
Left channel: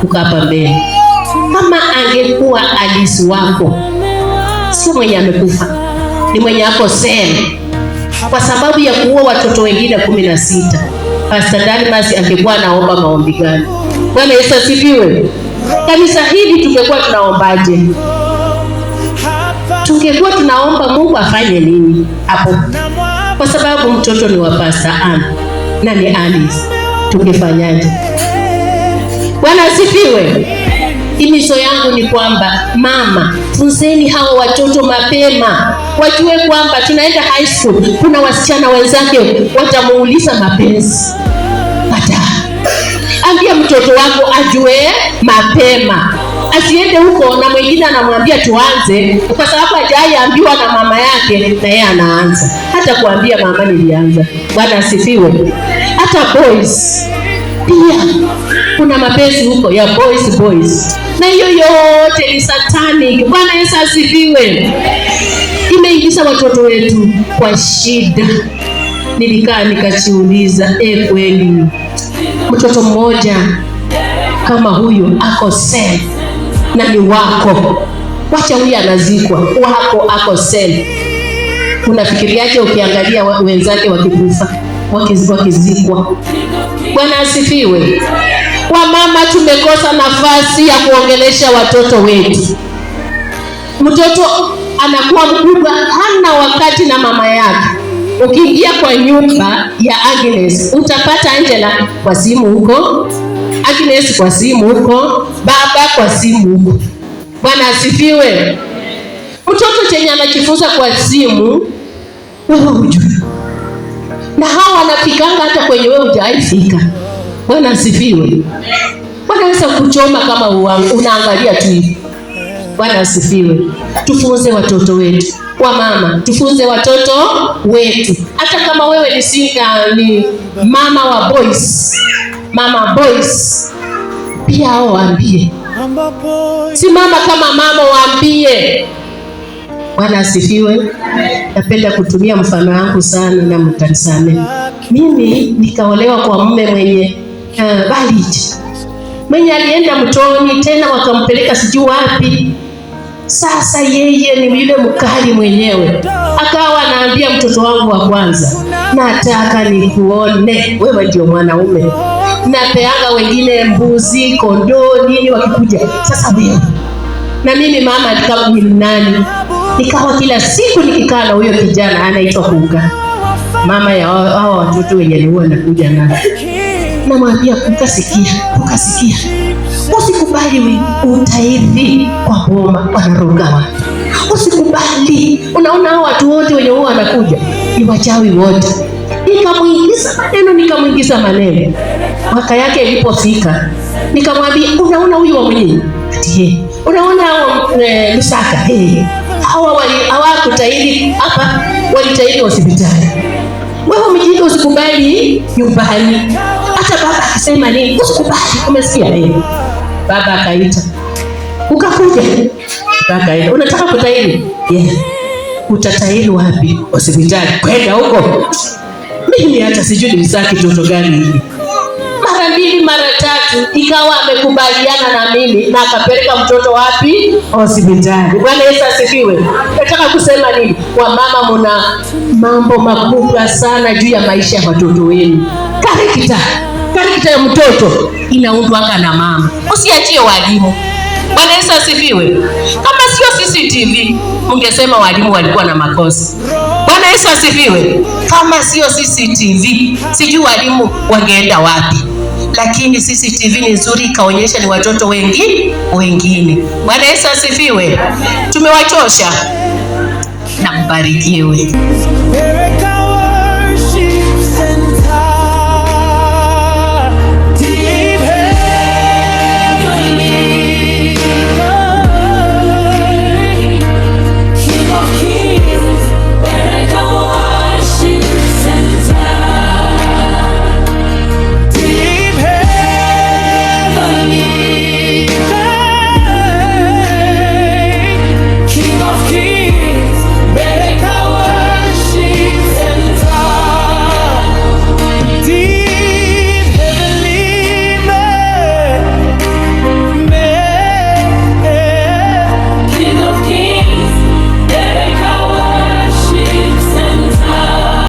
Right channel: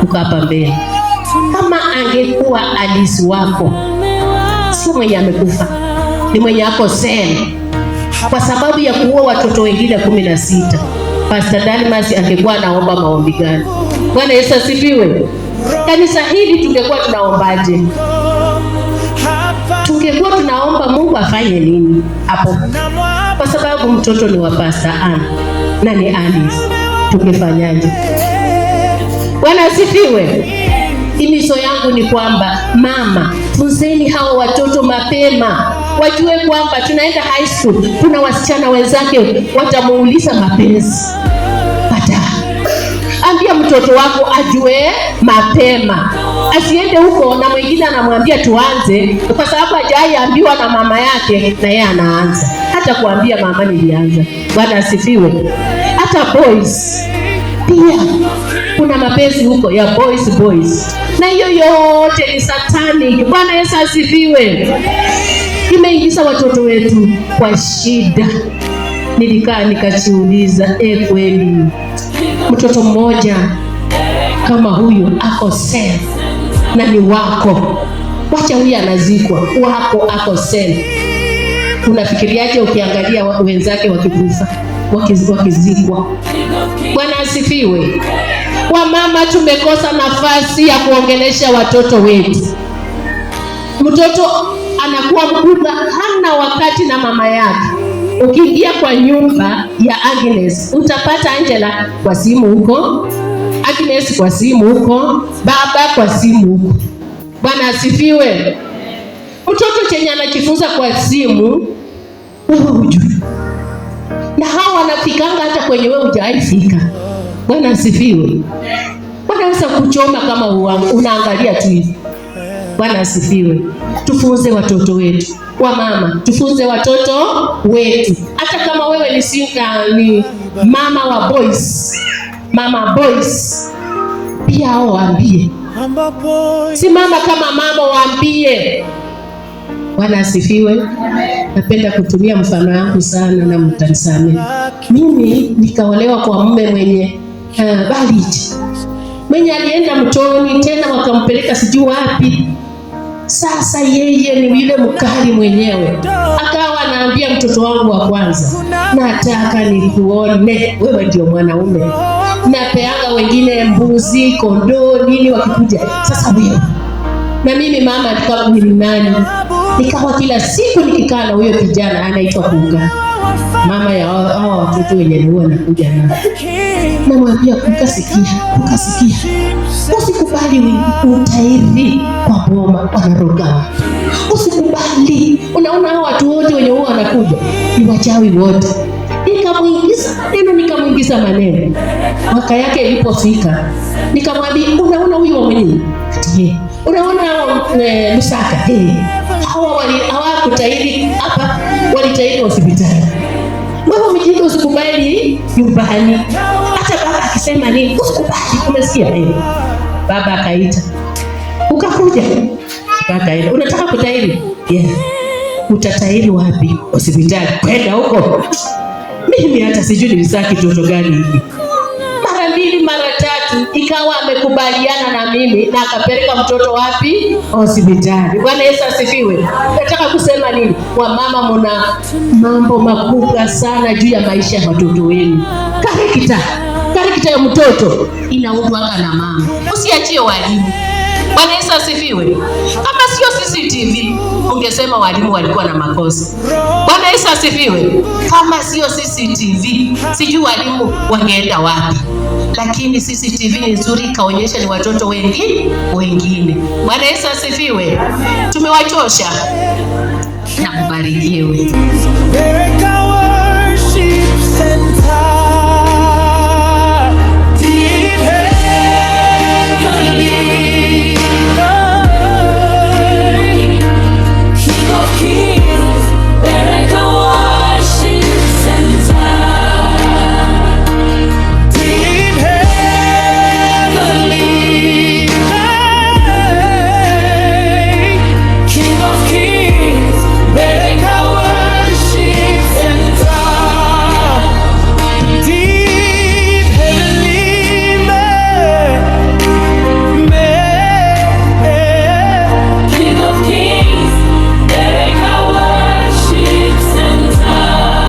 uko hapa mbele, kama angekuwa Alice wako, sio mwenye amekufa, ni mwenye ako sele kwa sababu ya kuua watoto wengine 16, Pastor Dalmas angekuwa naomba maombi gani? Bwana Yesu asifiwe. Kanisa hili tungekuwa tunaombaje? tungekuwa tunaomba Mungu afanye nini hapo? Kwa sababu mtoto ni wa Pastor Ann na ni Alice, tungefanyaje? Bwana asifiwe. Himizo yangu ni kwamba mama, funzeni hao watoto mapema, wajue kwamba tunaenda high school, kuna wasichana wenzake watamuuliza mapenzi. Ambia mtoto wako ajue mapema, asiende huko na mwingine anamwambia tuanze, kwa sababu hajaambiwa na mama yake na yeye anaanza. Hata kuambia mama nilianza. Bwana asifiwe. Hata boys pia kuna mapenzi huko ya boys, na hiyo yote ni satanic. Bwana Yesu asifiwe. Imeingiza watoto wetu kwa shida. Nilikaa nikajiuliza, kweli mtoto mmoja kama huyu ako sel na ni wako, wacha huyu anazikwa, wako ako sel, unafikiriaje ukiangalia wenzake wakikufa, wakizikwa? Bwana asifiwe. Wamama tumekosa nafasi ya kuongelesha watoto wetu. Mtoto anakuwa mkubwa, hana wakati na mama yake. Ukiingia kwa nyumba ya Agnes, utapata Angela kwa simu huko, Agnes kwa simu huko, baba kwa simu huko. Bwana asifiwe. Mtoto chenye anajifunza kwa simu, wewe hujui. Na hawa wanafikanga hata kwenye wewe hujaifika. Bwana asifiwe. Wanaweza kuchoma kama unaangalia tu hivi. Bwana asifiwe. Tufunze watoto wetu. Wamama, tufunze watoto wetu. Hata kama wewe ni mama wa boys, mama boys, pia hao waambie. Simama kama mama, waambie. Bwana asifiwe. Napenda kutumia mfano wangu sana na mtanisamehe. Mimi nikaolewa kwa mume mwenye valid, mwenye alienda mtoni tena wakampeleka sijui wapi. Sasa yeye ni yule mkali mwenyewe, akawa anaambia mtoto wangu wa kwanza, nataka nikuone wewe ndio mwanaume. Napeanga wengine mbuzi, kondoo, nini wakikuja. Sasa wewe na mimi mama nikawa ni nani? Nikawa kila siku nikikaa na huyo kijana anaitwa Kunga, mama ya hao watoto wenye huwa anakuja nao. Namwambia ukasikia. Usikubali utairi kwa boma wanaroga watu. Usikubali. Unaona hao watu wote wenye huwa wanakuja ni wachawi wote. Nikamwingiza maneno. Mwaka yake ilipofika, nikamwambia unaona huyu wa mwenyewe? Unaona Lusaka? Hawakutahiri hapa, walitahiri hospitali. Wewe mjinga, usikubali nyumbani. Hata baba akisema nini, usikubali. Umesikia nini? Baba akaita. Ukakuja. Baba, unataka kutahiri? Utatahiri wapi? Hospitali. Kwenda huko. Mimi hata sijui nilisaki toto gani hii. Mara mbili mara tatu ikawa amekubaliana na mimi na akapeleka mtoto wapi? Hospitali. Bwana Yesu asifiwe. Nataka kusema nini? Wamama mna mambo makubwa sana juu ya maisha ya watoto wenu. Karikita ya mtoto inaundwanga na mama. Usiachie walimu. Bwana Yesu asifiwe. Kama sio CCTV, ungesema walimu walikuwa na makosa. Bwana Yesu asifiwe. Kama sio CCTV, sijui walimu wangeenda wapi. Lakini CCTV ni nzuri, kaonyesha ni watoto wengine. Bwana Yesu asifiwe. Tumewachosha. Na mbarikiwe.